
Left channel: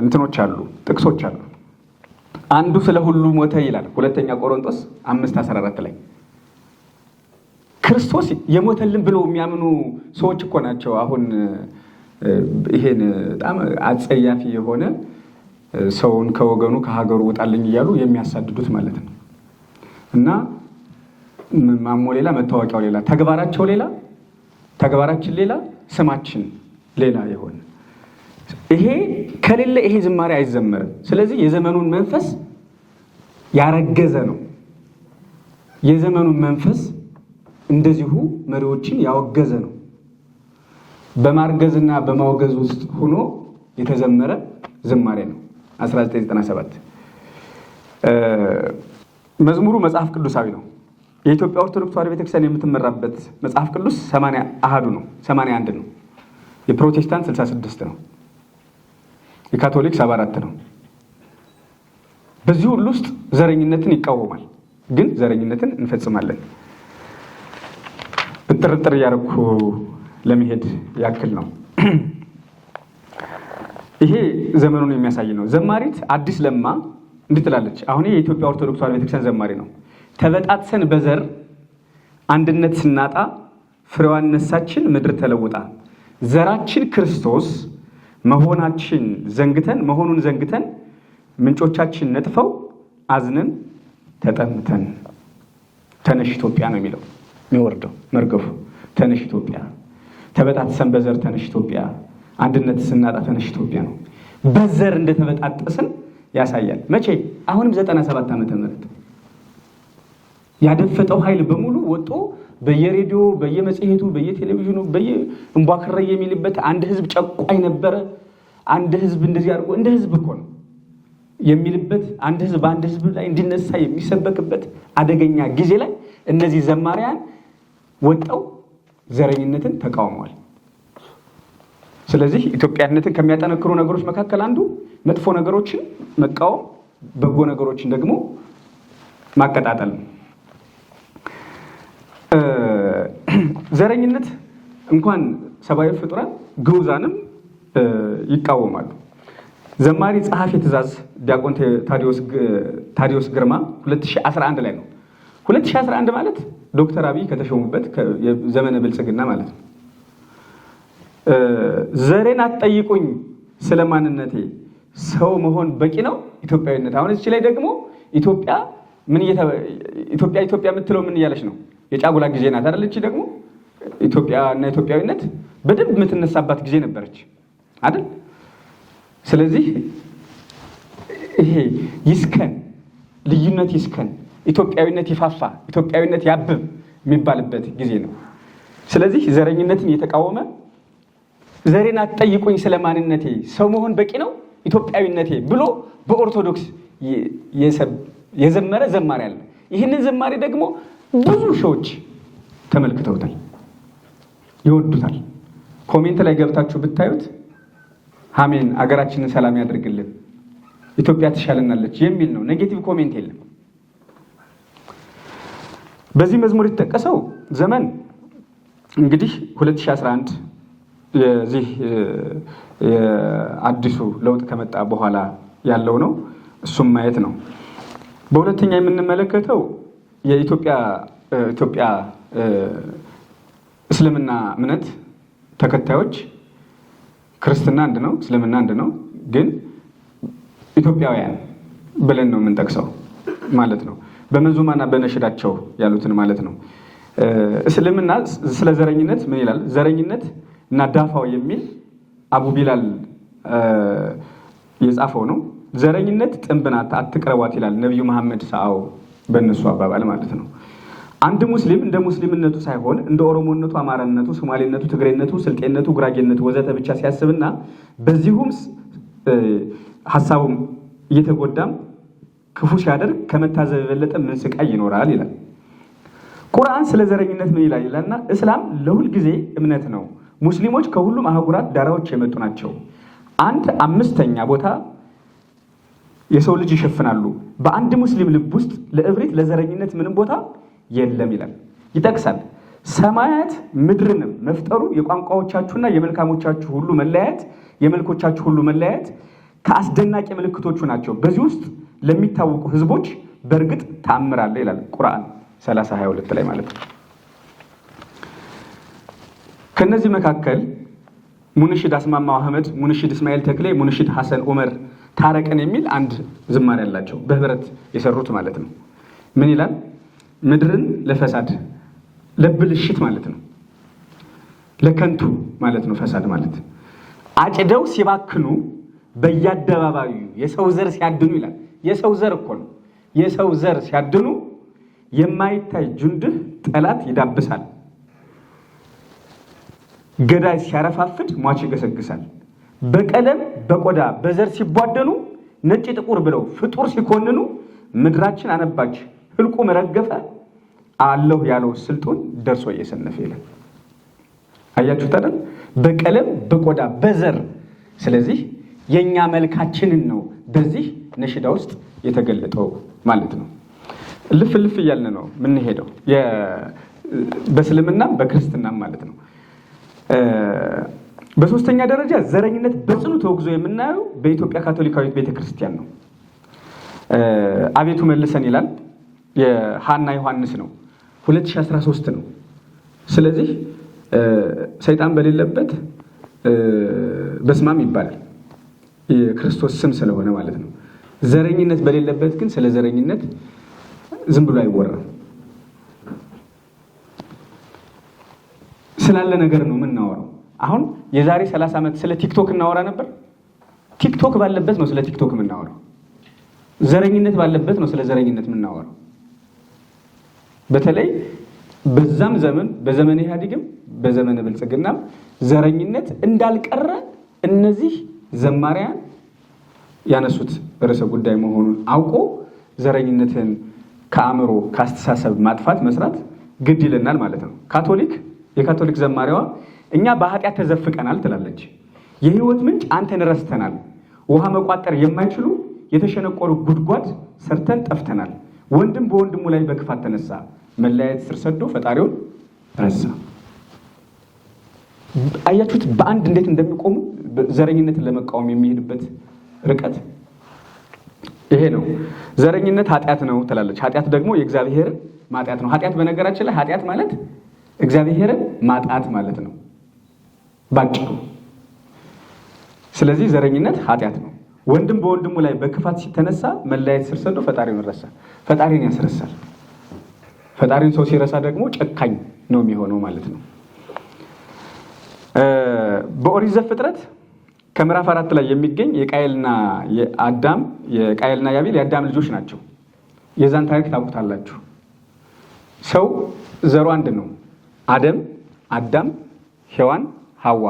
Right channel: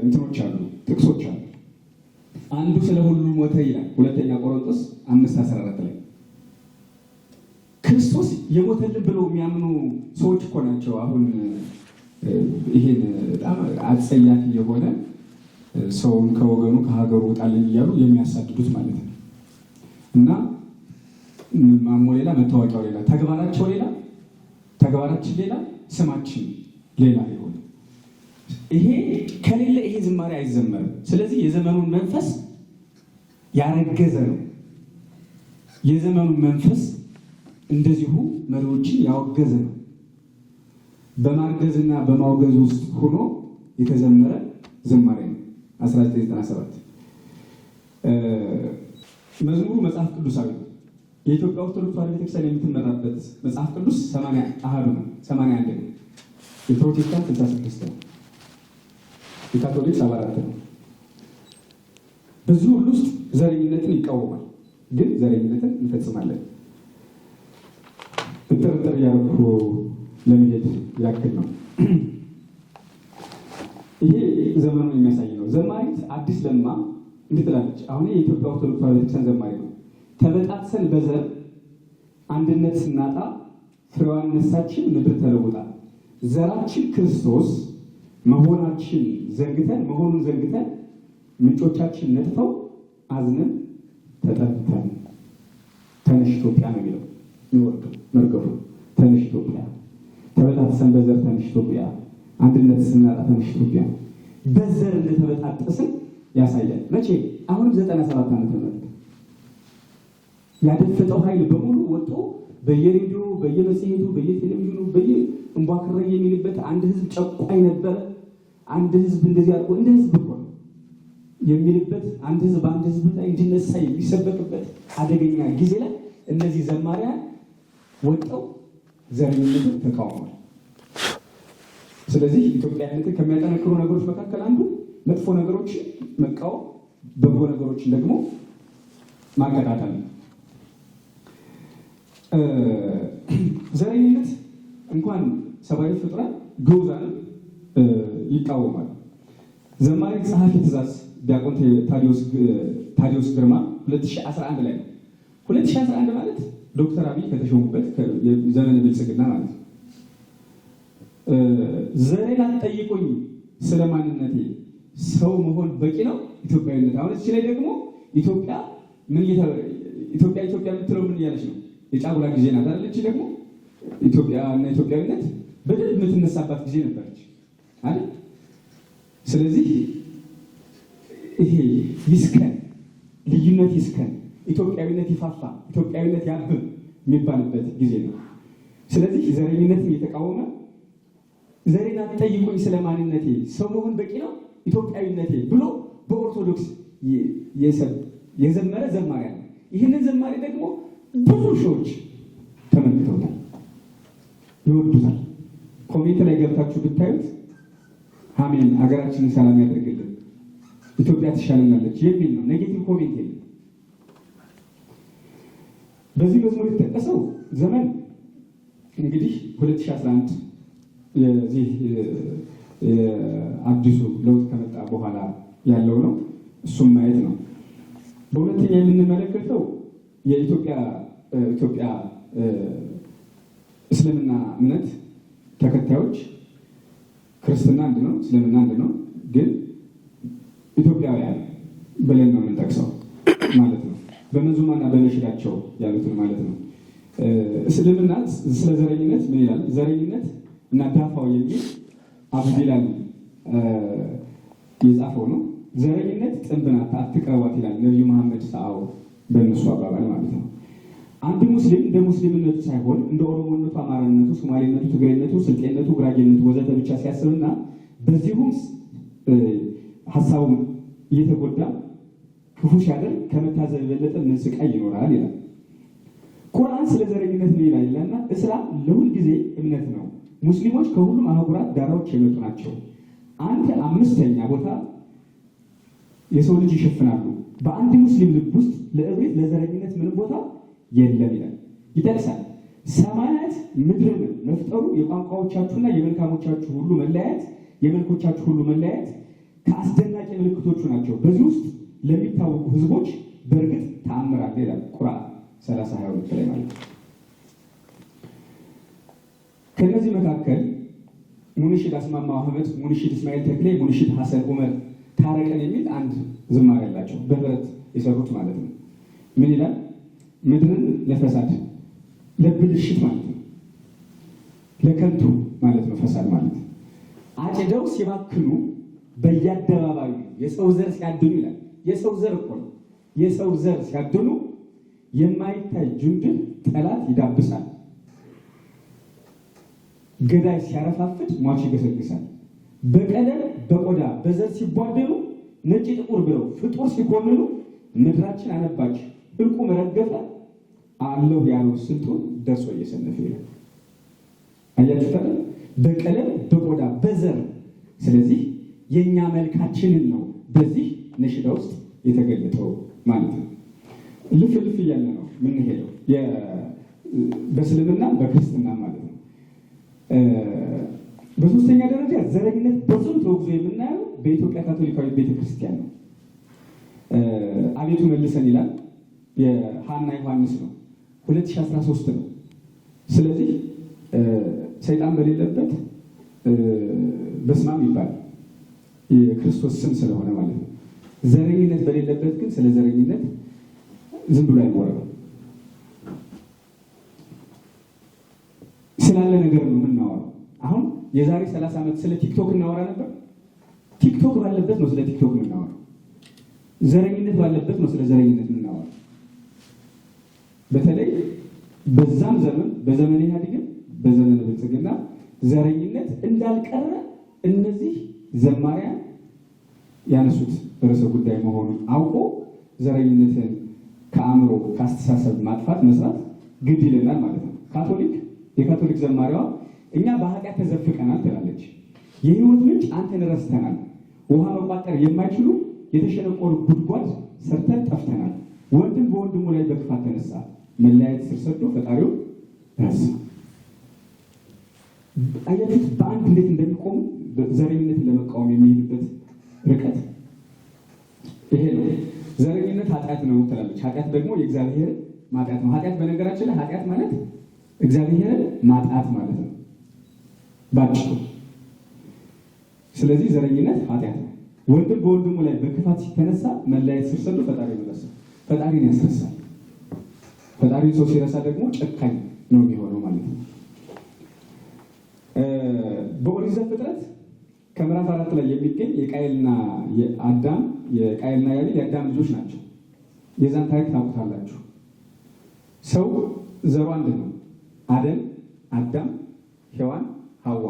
እንትኖች አሉ፣ ጥቅሶች አሉ። አንዱ ስለ ሁሉ ሞተ ይላል 2ኛ ቆሮንቶስ 5:14 ላይ። ክርስቶስ የሞተልን ብለው የሚያምኑ ሰዎች እኮ ናቸው አሁን ይሄን በጣም አጸያፊ የሆነ ሰውን ከወገኑ ከሀገሩ ውጣልኝ እያሉ የሚያሳድዱት ማለት ነው። እና ማሞ ሌላ፣ መታወቂያው ሌላ፣ ተግባራቸው ሌላ፣ ተግባራችን ሌላ፣ ስማችን ሌላ የሆነ ይሄ ከሌለ ይሄ ዝማሬ አይዘመርም። ስለዚህ የዘመኑን መንፈስ ያረገዘ ነው። የዘመኑን መንፈስ እንደዚሁ መሪዎችን ያወገዘ ነው። በማርገዝና በማውገዝ ውስጥ ሆኖ የተዘመረ ዝማሬ ነው። 1997 መዝሙሩ መጽሐፍ ቅዱሳዊ ነው። የኢትዮጵያ ኦርቶዶክስ ተዋሕዶ ቤተክርስቲያን የምትመራበት መጽሐፍ ቅዱስ 80 አሃዱ ነው፣ 81 ነው። የፕሮቴስታንት 66 ነው። የካቶሊክ 74 ነው። በዚህ ሁሉ ውስጥ ዘረኝነትን ይቃወማል፣ ግን ዘረኝነትን እንፈጽማለን። ጥርጥር እያደረኩ ለመሄድ ያክል ነው። ይሄ ዘመኑን የሚያሳይ ነው። ዘማሪት አዲስ ለማ እንዲህ ትላለች። አሁን የኢትዮጵያ ኦርቶዶክስ ተዋሕዶ ቤተክርስቲያን ዘማሪ ነው። ተበጣጥሰን በዘር አንድነት ስናጣ ፍሬዋን ነሳችን ምድር ተለውጣ፣ ዘራችን ክርስቶስ መሆኑን ዘንግተን ምንጮቻችን ነጥፈው አዝነን ተጠምተን። ተነሽ ኢትዮጵያ ነው የሚለው የሚወርደው መርገፉ። ተነሽ ኢትዮጵያ፣ ተበጣጥሰን በዘር ተነሽ ኢትዮጵያ፣ አንድነት ስናጣ ተነሽ ኢትዮጵያ ነው። በዘር እንደተበጣጠስን ያሳያል። መቼ? አሁንም 97 ዓመተ ምህረት ያደፈጠው ኃይል በሙሉ ወጦ በየሬዲዮ በየመጽሔቱ በየቴሌቪዥኑ በየእንቧክረ የሚልበት አንድ ህዝብ ጨቋኝ ነበረ፣ አንድ ህዝብ እንደዚህ አድርጎ እንደ ህዝብ እኮ ነው የሚልበት፣ አንድ ህዝብ በአንድ ህዝብ ላይ እንዲነሳ የሚሰበክበት አደገኛ ጊዜ ላይ እነዚህ ዘማሪያን ወጣው ዘረኝነትን ተቃውሟል። ስለዚህ ኢትዮጵያነትን ከሚያጠነክሩ ነገሮች መካከል አንዱ መጥፎ ነገሮችን መቃወም፣ በጎ ነገሮችን ደግሞ ማቀጣጠል ነው። ዘረኝነት እንኳን ሰብአዊ ፍጡራን ግዑዛንም ይቃወማሉ። ዘማሪ ጸሐፊ ትእዛዝ ዲያቆን ታዲዮስ ግርማ 2011 ላይ ነው። 2011 ማለት ዶክተር አብይ ከተሾሙበት ዘመነ ብልጽግና ማለት ነው። ዘሬን አትጠይቁኝ ስለማንነቴ፣ ሰው መሆን በቂ ነው ኢትዮጵያዊነት። አሁን እዚህ ላይ ደግሞ ኢትዮጵያ የምትለው ምን እያለች ነው? የጫጉላ ጊዜ ናት አይደል? እቺ ደግሞ ኢትዮጵያ እና ኢትዮጵያዊነት በደንብ የምትነሳባት ጊዜ ነበረች አይደል? ስለዚህ ይሄ ይስከን፣ ልዩነት ይስከን፣ ኢትዮጵያዊነት ይፋፋ፣ ኢትዮጵያዊነት ያብብ የሚባልበት ጊዜ ነው። ስለዚህ ዘረኝነትን እየተቃወመ ዘሬን አትጠይቁኝ ስለማንነቴ፣ ሰው መሆን በቂ ነው ኢትዮጵያዊነቴ ብሎ በኦርቶዶክስ የዘመረ ዘማሪ አለ። ይህንን ዘማሪ ደግሞ ብዙ ሺዎች ተመልክተውታል፣ ይወዱታል። ኮሜንት ላይ ገብታችሁ ብታዩት አሜን፣ አገራችንን ሰላም ያደርግልን፣ ኢትዮጵያ ትሻለናለች የሚል ነው። ኔጌቲቭ ኮሜንት የለም። በዚህ መዝሙር የተጠቀሰው ዘመን እንግዲህ 2011 የዚህ አዲሱ ለውጥ ከመጣ በኋላ ያለው ነው። እሱም ማየት ነው። በሁለተኛ የምንመለከተው የኢትዮጵያ እስልምና እምነት ተከታዮች ክርስትና አንድ ነው፣ እስልምና አንድ ነው፣ ግን ኢትዮጵያውያን ብለን ነው የምንጠቅሰው ማለት ነው። በመንዙማና በነሽዳቸው ያሉትን ማለት ነው። እስልምና ስለ ዘረኝነት ምን ይላል? ዘረኝነት እና ዳፋው የሚል አቡ ቢላል የጻፈው ነው። ዘረኝነት ጥንብ ናት አትቅረቧት ይላል ነቢዩ መሐመድ ሰአው በእነሱ አባባል ማለት ነው። አንድ ሙስሊም እንደ ሙስሊምነቱ ሳይሆን እንደ ኦሮሞነቱ፣ አማራነቱ፣ ሶማሌነቱ፣ ትግሬነቱ፣ ስልጤነቱ፣ ጉራጌነቱ ወዘተ ብቻ ሲያስብና በዚሁም ሀሳቡም እየተጎዳም ክፉ ሲያደርግ ከመታዘብ የበለጠ ምን ስቃይ ይኖራል ይላል። ቁርአን ስለ ዘረኝነት ምን ይላል ይላልና እስላም ለሁል ጊዜ እምነት ነው። ሙስሊሞች ከሁሉም አህጉራት ዳራዎች የመጡ ናቸው። 1/5 ቦታ የሰው ልጅ ይሸፍናሉ። በአንድ ሙስሊም ልብ ውስጥ ለእብሪት ለዘረኝነት ምንም ቦታ የለም ይላል። ይጠቅሳል። ሰማያት ምድርንም መፍጠሩ የቋንቋዎቻችሁና የመልካሞቻችሁ ሁሉ መለያየት የመልኮቻችሁ ሁሉ መለያየት ከአስደናቂ ምልክቶቹ ናቸው። በዚህ ውስጥ ለሚታወቁ ህዝቦች በእርግጥ ተአምር አለ ይላል ቁርአን 30:22 ላይ ማለት ነው። ከነዚህ መካከል ሙንሽድ አስማማው አህመድ፣ ሙንሽድ እስማኤል ተክሌ፣ ሙንሽድ ሐሰን ዑመር ታረቀን የሚል አንድ ዝማሬ ያላቸው በህብረት የሰሩት ማለት ነው። ምን ይላል? ምድርን ለፈሳድ ለብልሽት ማለት ነው፣ ለከንቱ ማለት ነው። ፈሳድ ማለት አጭደው ሲባክኑ በየአደባባዩ የሰው ዘር ሲያድኑ ይላል። የሰው ዘር እኮ ነው። የሰው ዘር ሲያድኑ የማይታይ ጁንድህ ጠላት ይዳብሳል። ገዳይ ሲያረፋፍድ ሟች ይገሰግሳል። በቀለም በቆዳ በዘር ሲቧደኑ ነጭ ጥቁር ብለው ፍጡር ሲኮንኑ ምድራችን አነባች ህልቁ መረገፈ አለሁ ያለው ስልጡን ደርሶ እየሰነፈ ይላል። አያችሁት አይደል? በቀለም በቆዳ በዘር። ስለዚህ የኛ መልካችንን ነው በዚህ ነሽዳ ውስጥ የተገለጠው ማለት ነው። ልፍ ልፍ እያልን ነው የምንሄደው በእስልምና በክርስትና ማለት ነው። በሶስተኛ ደረጃ ዘረኝነት በጽኑ ተወግዞ የምናየው በኢትዮጵያ ካቶሊካዊት ቤተክርስቲያን ነው። አቤቱ መልሰን ይላል የሃና ዮሐንስ ነው 2013 ነው። ስለዚህ ሰይጣን በሌለበት በስማም ይባላል የክርስቶስ ስም ስለሆነ ማለት ነው። ዘረኝነት በሌለበት ግን ስለ ዘረኝነት ዝም ብሎ አይወራም። ስላለ ነገር ነው የምናወራው። አሁን የዛሬ 30 ዓመት ስለ ቲክቶክ እናወራ ነበር። ቲክቶክ ባለበት ነው ስለ ቲክቶክ የምናወራው። ዘረኝነት ባለበት ነው ስለ ዘረኝነት የምናወራው። በተለይ በዛም ዘመን በዘመነ ኢህአዴግም በዘመነ ብልጽግና ዘረኝነት እንዳልቀረ እነዚህ ዘማሪያን ያነሱት ርዕሰ ጉዳይ መሆኑን አውቆ ዘረኝነትን ከአእምሮ ከአስተሳሰብ ማጥፋት መስራት ግድ ይለናል ማለት ነው። የካቶሊክ ዘማሪዋ እኛ በኃጢአት ተዘፍቀናል ትላለች። የህይወት ምንጭ አንተን ረስተናል። ውሃ መቋጠር የማይችሉ የተሸነቆሩ ጉድጓድ ሰርተን ጠፍተናል። ወንድም በወንድሙ ላይ በክፋት ተነሳ፣ መለያየት ስር ሰዶ ፈጣሪውን ረሳ። አያችሁት በአንድ እንዴት እንደሚቆሙ ዘረኝነትን ለመቃወም የሚሄድበት ርቀት ይሄ ነው። ዘረኝነት ኃጢአት ነው ትላለች። ኃጢአት ደግሞ የእግዚአብሔር ማጣት ነው። ኃጢአት በነገራችን ላይ ኃጢአት ማለት እግዚአብሔርን ማጣት ማለት ነው ባጭሩ። ስለዚህ ዘረኝነት ኃጢአት ነው። ወንድም በወንድሙ ላይ በክፋት ሲተነሳ መለያየት ስር ሰዶ ፈጣሪውን ረሳ። ፈጣሪን ያስረሳል። ፈጣሪን ሰው ሲረሳ ደግሞ ጨካኝ ነው የሚሆነው ማለት ነው። በኦሪት ዘፍጥረት ከምዕራፍ 4 ላይ የሚገኝ የቃየልና የአቤል የአዳም ልጆች ናቸው። የዛን ታሪክ ታውቁታላችሁ። ሰው ዘሩ አንድ ነው። አዳም፣ ሔዋን፣ ሐዋ።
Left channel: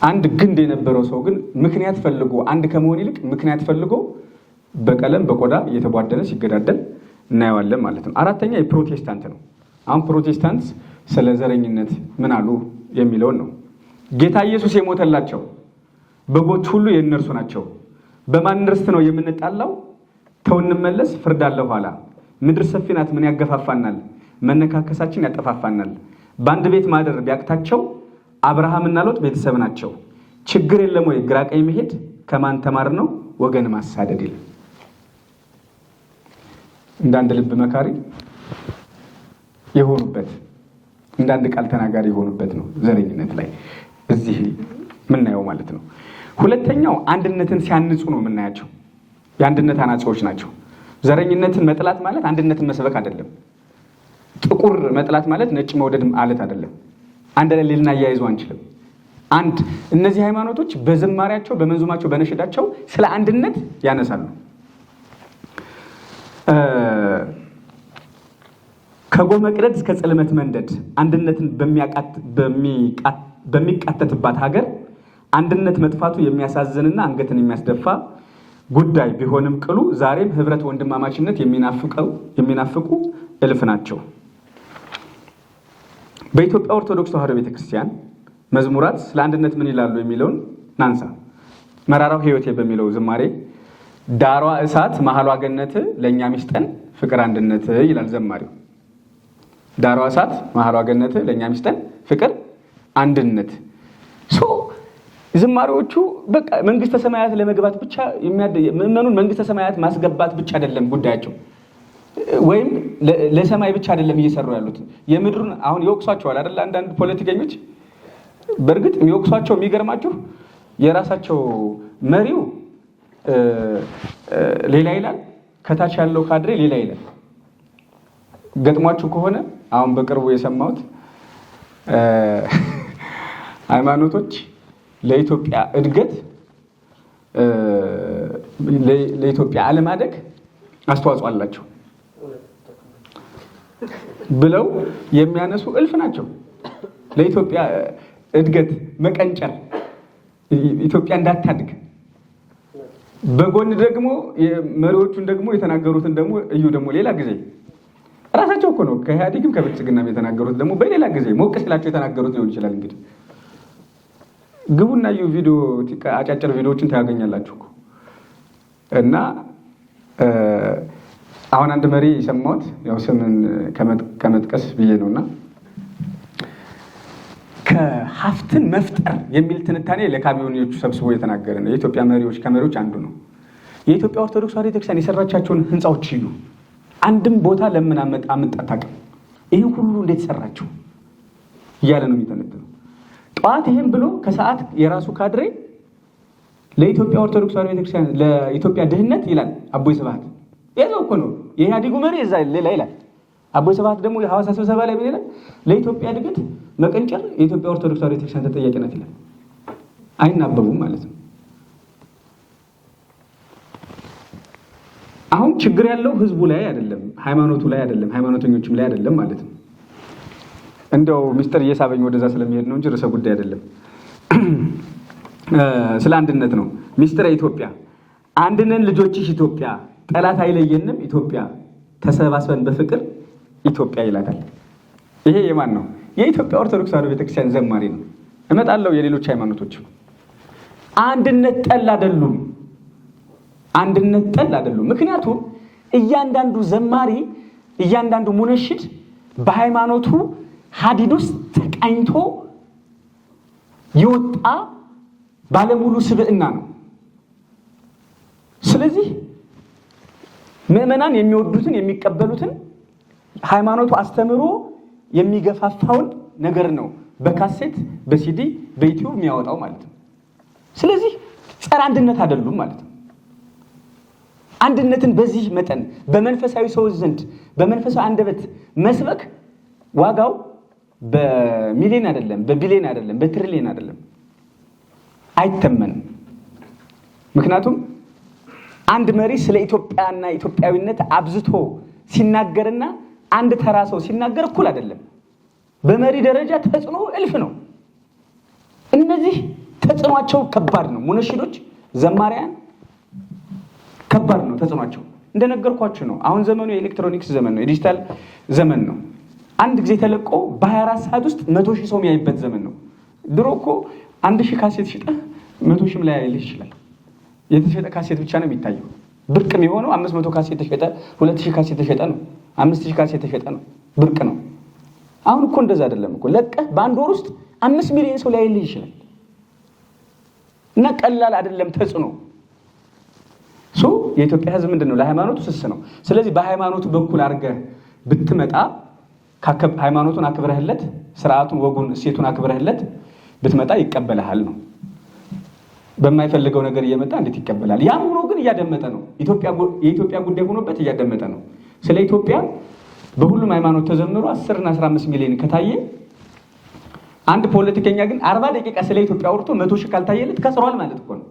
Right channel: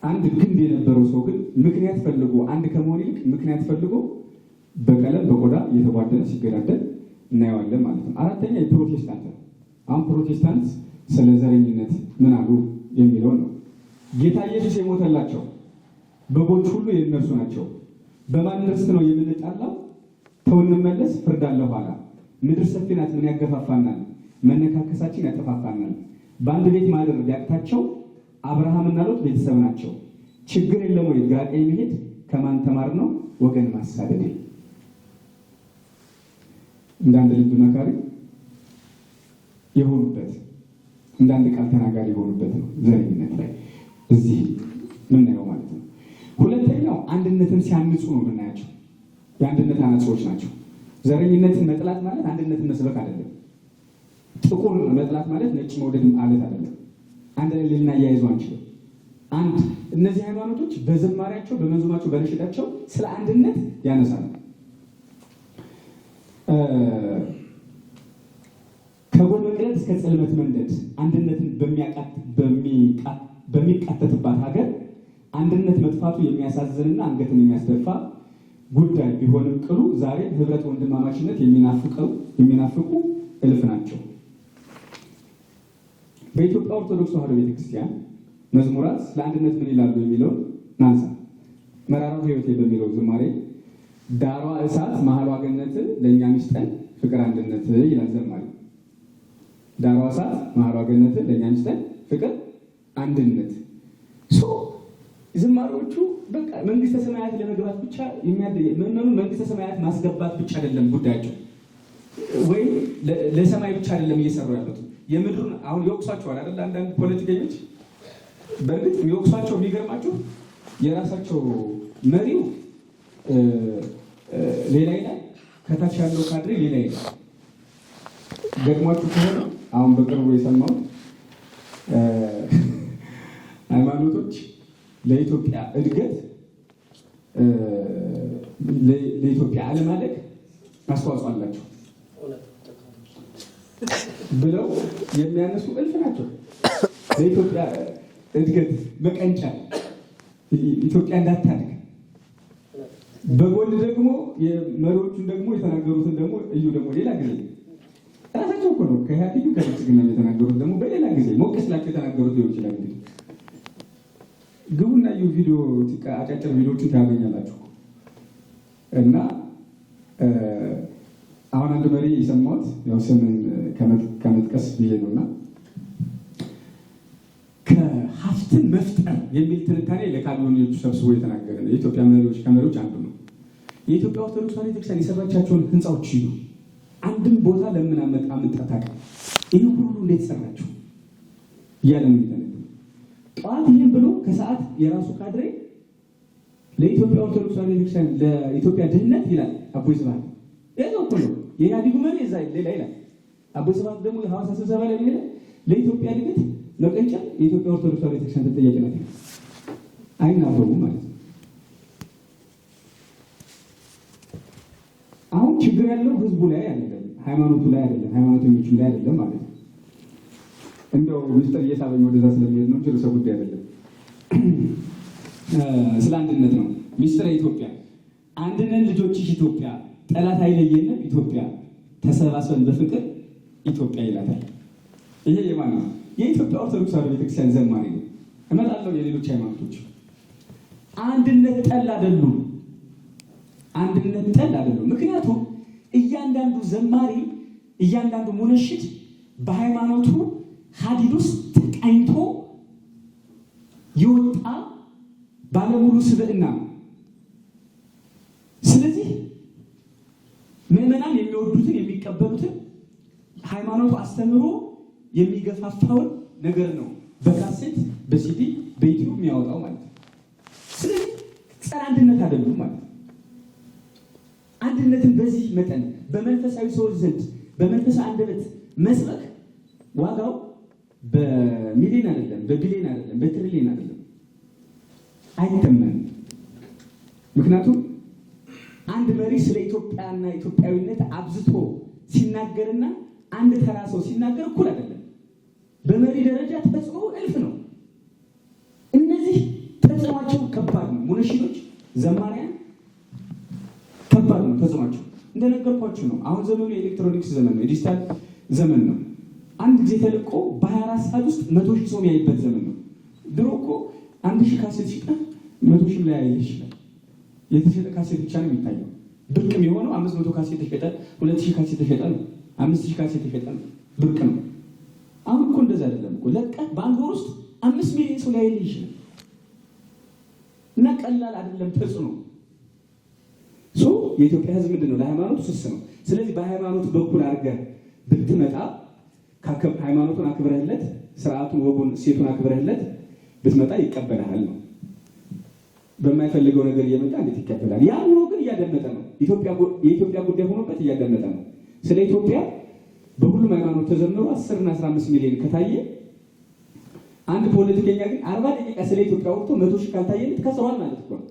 አንድ ግንድ የነበረው ሰው ግን ምክንያት ፈልጎ አንድ ከመሆን ይልቅ ምክንያት ፈልጎ በቀለም በቆዳ እየተቧደነ ሲገዳደል እናየዋለን ማለት ነው። አራተኛ የፕሮቴስታንት ነው። አሁን ፕሮቴስታንት ስለ ዘረኝነት ምን አሉ የሚለውን ነው። ጌታ ኢየሱስ የሞተላቸው በጎች ሁሉ የእነርሱ ናቸው። በማን ርስት ነው የምንጣላው? ተው እንመለስ፣ ፍርድ አለ ኋላ። ምድር ሰፊ ናት፣ ምን ያገፋፋናል? መነካከሳችን ያጠፋፋናል። በአንድ ቤት ማደር ቢያቅታቸው አብርሃምና ሎጥ ቤተሰብ ናቸው። ችግር የለም ወይ ግራ ቀኝ መሄድ? ከማን ተማር ነው ወገን ማሳደድ የለም። እንዳንድ ልብ መካሪ የሆኑበት እንዳንድ ቃል ተናጋሪ የሆኑበት ነው ዘረኝነት ላይ እዚህ ምናየው ማለት ነው። ሁለተኛው አንድነትን ሲያንጹ ነው የምናያቸው። የአንድነት አናጺዎች ናቸው። ዘረኝነትን መጥላት ማለት አንድነትን መስበክ አይደለም። ጥቁር መጥላት ማለት ነጭ መውደድ ማለት አይደለም። አንድ ላይ ልናያይዙ አንችልም። እነዚህ ሃይማኖቶች በዝማሪያቸው በመንዙማቸው በነሽዳቸው ስለ አንድነት ያነሳሉ። ከጎህ መቅደድ እስከ ጽልመት መንደድ አንድነትን በሚቃተትባት ሀገር አንድነት መጥፋቱ የሚያሳዝንና አንገትን የሚያስደፋ ጉዳይ ቢሆንም ቅሉ ዛሬም ህብረት፣ ወንድማማችነት የሚናፍቁ እልፍ ናቸው። በኢትዮጵያ ኦርቶዶክስ ተዋሕዶ ቤተክርስቲያን መዝሙራት ስለ አንድነት ምን ይላሉ የሚለውን ናንሳ። መራራው ሕይወቴ በሚለው ዝማሬ ዳሯ እሳት መሀሏ ገነት ለእኛ ሚስጠን ፍቅር አንድነት ይላል ዘማሪው። ዳሯ እሳት መሀሏ ገነት ለእኛ ሚስጠን ፍቅር አንድነት። ዝማሬዎቹ በቃ መንግስተ ሰማያት ለመግባት ብቻ ምእመኑን መንግስተ ሰማያት ማስገባት ብቻ አይደለም ጉዳያቸው፣ ወይም ለሰማይ ብቻ አይደለም እየሰሩ ያሉት የምድሩን አሁን ይወቅሷቸዋል አይደል? አንዳንድ ፖለቲከኞች በእርግጥ የሚወቅሷቸው የሚገርማችሁ የራሳቸው መሪው ሌላ ይላል፣ ከታች ያለው ካድሬ ሌላ ይላል። ገጥሟችሁ ከሆነ አሁን በቅርቡ የሰማሁት ሃይማኖቶች ለኢትዮጵያ እድገት ለኢትዮጵያ አለማደግ አስተዋጽኦ አላቸው ብለው የሚያነሱ እልፍ ናቸው። ለኢትዮጵያ እድገት መቀንጨር፣ ኢትዮጵያ እንዳታድግ በጎን ደግሞ መሪዎቹን ደግሞ የተናገሩትን ደግሞ እዩ ደግሞ ሌላ ጊዜ ራሳቸው እኮ ነው ከኢህአዴግም ከብልጽግናም የተናገሩት። ደግሞ በሌላ ጊዜ ሞቅ ሲላቸው የተናገሩት ሊሆን ይችላል። እንግዲህ ግቡና ዩ ቪዲዮ አጫጭር ቪዲዮዎችን ታገኛላችሁ። እና አሁን አንድ መሪ የሰማሁት ያው ስምን ከመጥቀስ ብዬ ነውና ከሀፍትን መፍጠር የሚል ትንታኔ ለካቢኔዎቹ ሰብስቦ የተናገረ ነው። የኢትዮጵያ መሪዎች ከመሪዎች አንዱ ነው። የኢትዮጵያ ኦርቶዶክስ ተዋሕዶ ቤተክርስቲያን የሰራቻቸውን ህንፃዎች ይሉ አንድም ቦታ ለምን አመጣታቀም ይህ ሁሉ እንዴት ሰራቸው እያለ ነው የሚተነትነው። ጠዋት ይህን ብሎ ከሰዓት የራሱ ካድሬ ለኢትዮጵያ ኦርቶዶክስ ተዋሕዶ ቤተክርስቲያን ለኢትዮጵያ ድህነት ይላል አቦይ ስብሃት። ይሄው እኮ ነው የኢህአዴጉ መሪ እዛ ሌላ ይላል። አቦይ ስብሃት ደግሞ የሐዋሳ ስብሰባ ላይ ምን ይላል? ለኢትዮጵያ እድገት መቀንጨር የኢትዮጵያ ኦርቶዶክስ ተዋሕዶ ቤተክርስቲያን ተጠያቂ ናት ይላል። አይናበቡም ማለት ነው። አሁን ችግር ያለው ህዝቡ ላይ አይደለም፣ ሃይማኖቱ ላይ አይደለም፣ ሃይማኖተኞችም ላይ አይደለም ማለት ነው። እንደው ሚስጥር እየሳበኝ ወደዛ ስለሚሄድ ነው እንጂ ርዕሰ ጉዳይ አይደለም። ስለ አንድነት ነው። ሚስጥረ ኢትዮጵያ አንድነን ልጆችሽ ኢትዮጵያ ጠላት አይለየንም ኢትዮጵያ ተሰባስበን በፍቅር ኢትዮጵያ ይላታል። ይሄ የማን ነው? የኢትዮጵያ ኦርቶዶክስ ተዋሕዶ ቤተክርስቲያን ዘማሪ ነው። እመጣለሁ የሌሎች ሃይማኖቶች አንድነት ጠል አይደሉም። አንድነት ጠል አይደሉም። ምክንያቱም እያንዳንዱ ዘማሪ እያንዳንዱ ሙነሽድ በሃይማኖቱ ሀዲድ ውስጥ ተቃኝቶ የወጣ ባለሙሉ ስብዕና ነው። ስለዚህ ምዕመናን የሚወዱትን የሚቀበሉትን ሃይማኖቱ አስተምሮ የሚገፋፋውን ነገር ነው በካሴት በሲዲ በዩቲዩብ የሚያወጣው ማለት ነው። ስለዚህ ጸረ አንድነት አይደሉም ማለት ነው። አንድነትን በዚህ መጠን በመንፈሳዊ ሰዎች ዘንድ በመንፈሳዊ አንደበት መስበክ ዋጋው በሚሊዮን አይደለም፣ በቢሊዮን አይደለም፣ በትሪሊዮን አይደለም፣ አይተመንም። ምክንያቱም አንድ መሪ ስለ ኢትዮጵያና ኢትዮጵያዊነት አብዝቶ ሲናገርና አንድ ተራ ሰው ሲናገር እኩል አይደለም። በመሪ ደረጃ ተጽዕኖ እልፍ ነው። እነዚህ ተጽዕኗቸው ከባድ ነው። ሙነሽዶች፣ ዘማሪያን ከባድ ነው ተጽዕኗቸው። እንደነገርኳችሁ ነው። አሁን ዘመኑ የኤሌክትሮኒክስ ዘመን ነው፣ የዲጂታል ዘመን ነው። አንድ ጊዜ ተለቆ በ24 ሰዓት ውስጥ 100,000 ሰው የሚያይበት ዘመን ነው። ድሮ እኮ 1,000 ካሴት ሽጠህ 100,000 ላይ ያይልህ ይችላል። የተሸጠ ካሴት ብቻ ነው የሚታየው። ብርቅ የሚሆነው 500 ካሴት ተሸጠ፣ 2,000 ካሴት ተሸጠ ነው፣ 5,000 ካሴት ተሸጠ ነው፣ ብርቅ ነው። አሁን እኮ እንደዛ አይደለም እኮ። ለቀህ በአንድ ወር ውስጥ 5 ሚሊዮን ሰው ሊያይልህ ይችላል። እና ቀላል አይደለም ተጽዕኖ። የኢትዮጵያ ሕዝብ ምንድን ነው? ለሃይማኖቱ ስስ ነው። ስለዚህ በሃይማኖቱ በኩል አድርገህ ብትመጣ ሃይማኖቱን አክብረህለት፣ ስርዓቱን፣ ወጉን፣ እሴቱን አክብረህለት ብትመጣ ይቀበልሃል ነው። በማይፈልገው ነገር እየመጣ እንዴት ይቀበላል? ያን ሆኖ ግን እያደመጠ ነው። የኢትዮጵያ ጉዳይ ሆኖበት እያደመጠ ነው። ስለ ኢትዮጵያ በሁሉም ሃይማኖት ተዘምሮ 10 እና 15 ሚሊዮን ከታየ አንድ ፖለቲከኛ ግን 40 ደቂቃ ስለ ኢትዮጵያ አውርቶ 100,000 ካልታየለት ከስሯል ማለት እኮ ነው።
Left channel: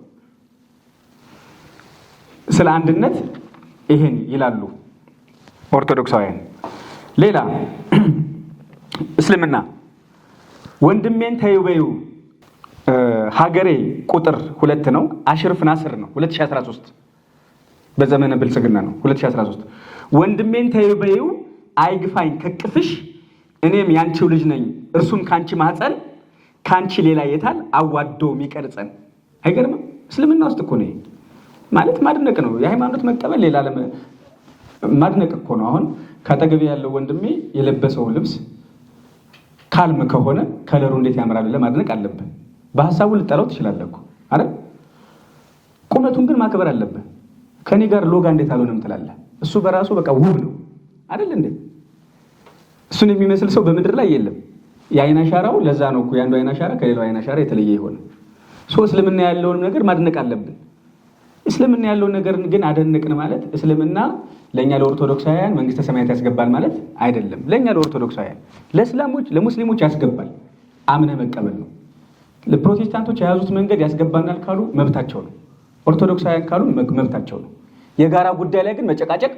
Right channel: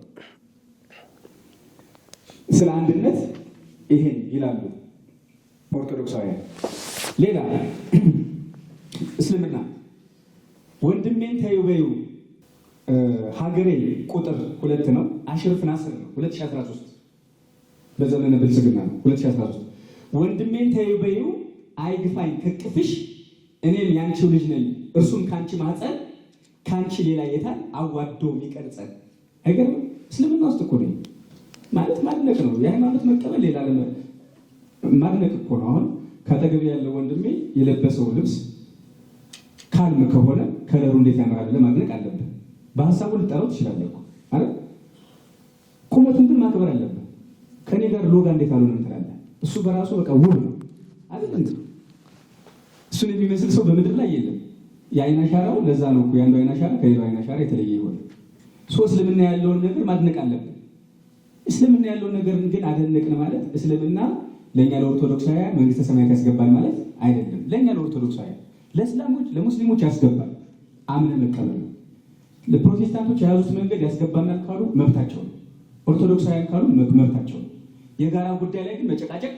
ስለ አንድነት ይሄን ይላሉ ኦርቶዶክሳውያን። ሌላ እስልምና ወንድሜን ተይው በይው ሀገሬ ቁጥር 2 ነው። አሽርፍ ናስር ነው 2013 በዘመነ ብልጽግና ነው 2013 ወንድሜን ተይው በይው አይግፋኝ ከቅፍሽ እኔም ያንቺው ልጅ ነኝ እርሱም ካንቺ ማህፀን ካንቺ ሌላ የታል አዋዶ የሚቀርጸን። አይገርምም? እስልምና ውስጥ እኮ ነው ማለት ማድነቅ ነው። የሃይማኖት መቀበል ሌላ ማድነቅ እኮ ነው። አሁን ካጠገቤ ያለው ወንድሜ የለበሰው ልብስ ካልም ከሆነ ከለሩ እንዴት ያምራል ለማድነቅ አለብህ። በሐሳቡ ልጠራው ትችላለህ እኮ አይደል? ቁመቱን ግን ማክበር አለብህ። ከኔ ጋር ሎጋ እንዴት አልሆነም ትላለህ። እሱ በራሱ በቃ ውብ ነው አይደል እንዴ? እሱን የሚመስል ሰው በምድር ላይ የለም። የአይን አሻራው ለዛ ነው እኮ ያንዱ አይን አሻራ ከሌላው አይን አሻራ የተለየ ይሆነ። እስልምና ያለውን ነገር ማድነቅ አለብን። እስልምና ያለውን ነገር ግን አደነቅን ማለት እስልምና ለኛ ለኦርቶዶክሳውያን መንግስተ ሰማያት ያስገባል ማለት አይደለም። ለኛ ለኦርቶዶክሳውያን፣ ለእስላሞች፣ ለሙስሊሞች ያስገባል። አምነ መቀበል ነው። ለፕሮቴስታንቶች የያዙት መንገድ ያስገባናል ካሉ መብታቸው ነው። ኦርቶዶክሳውያን ካሉ መብታቸው ነው። የጋራ ጉዳይ ላይ ግን መጨቃጨቅ፣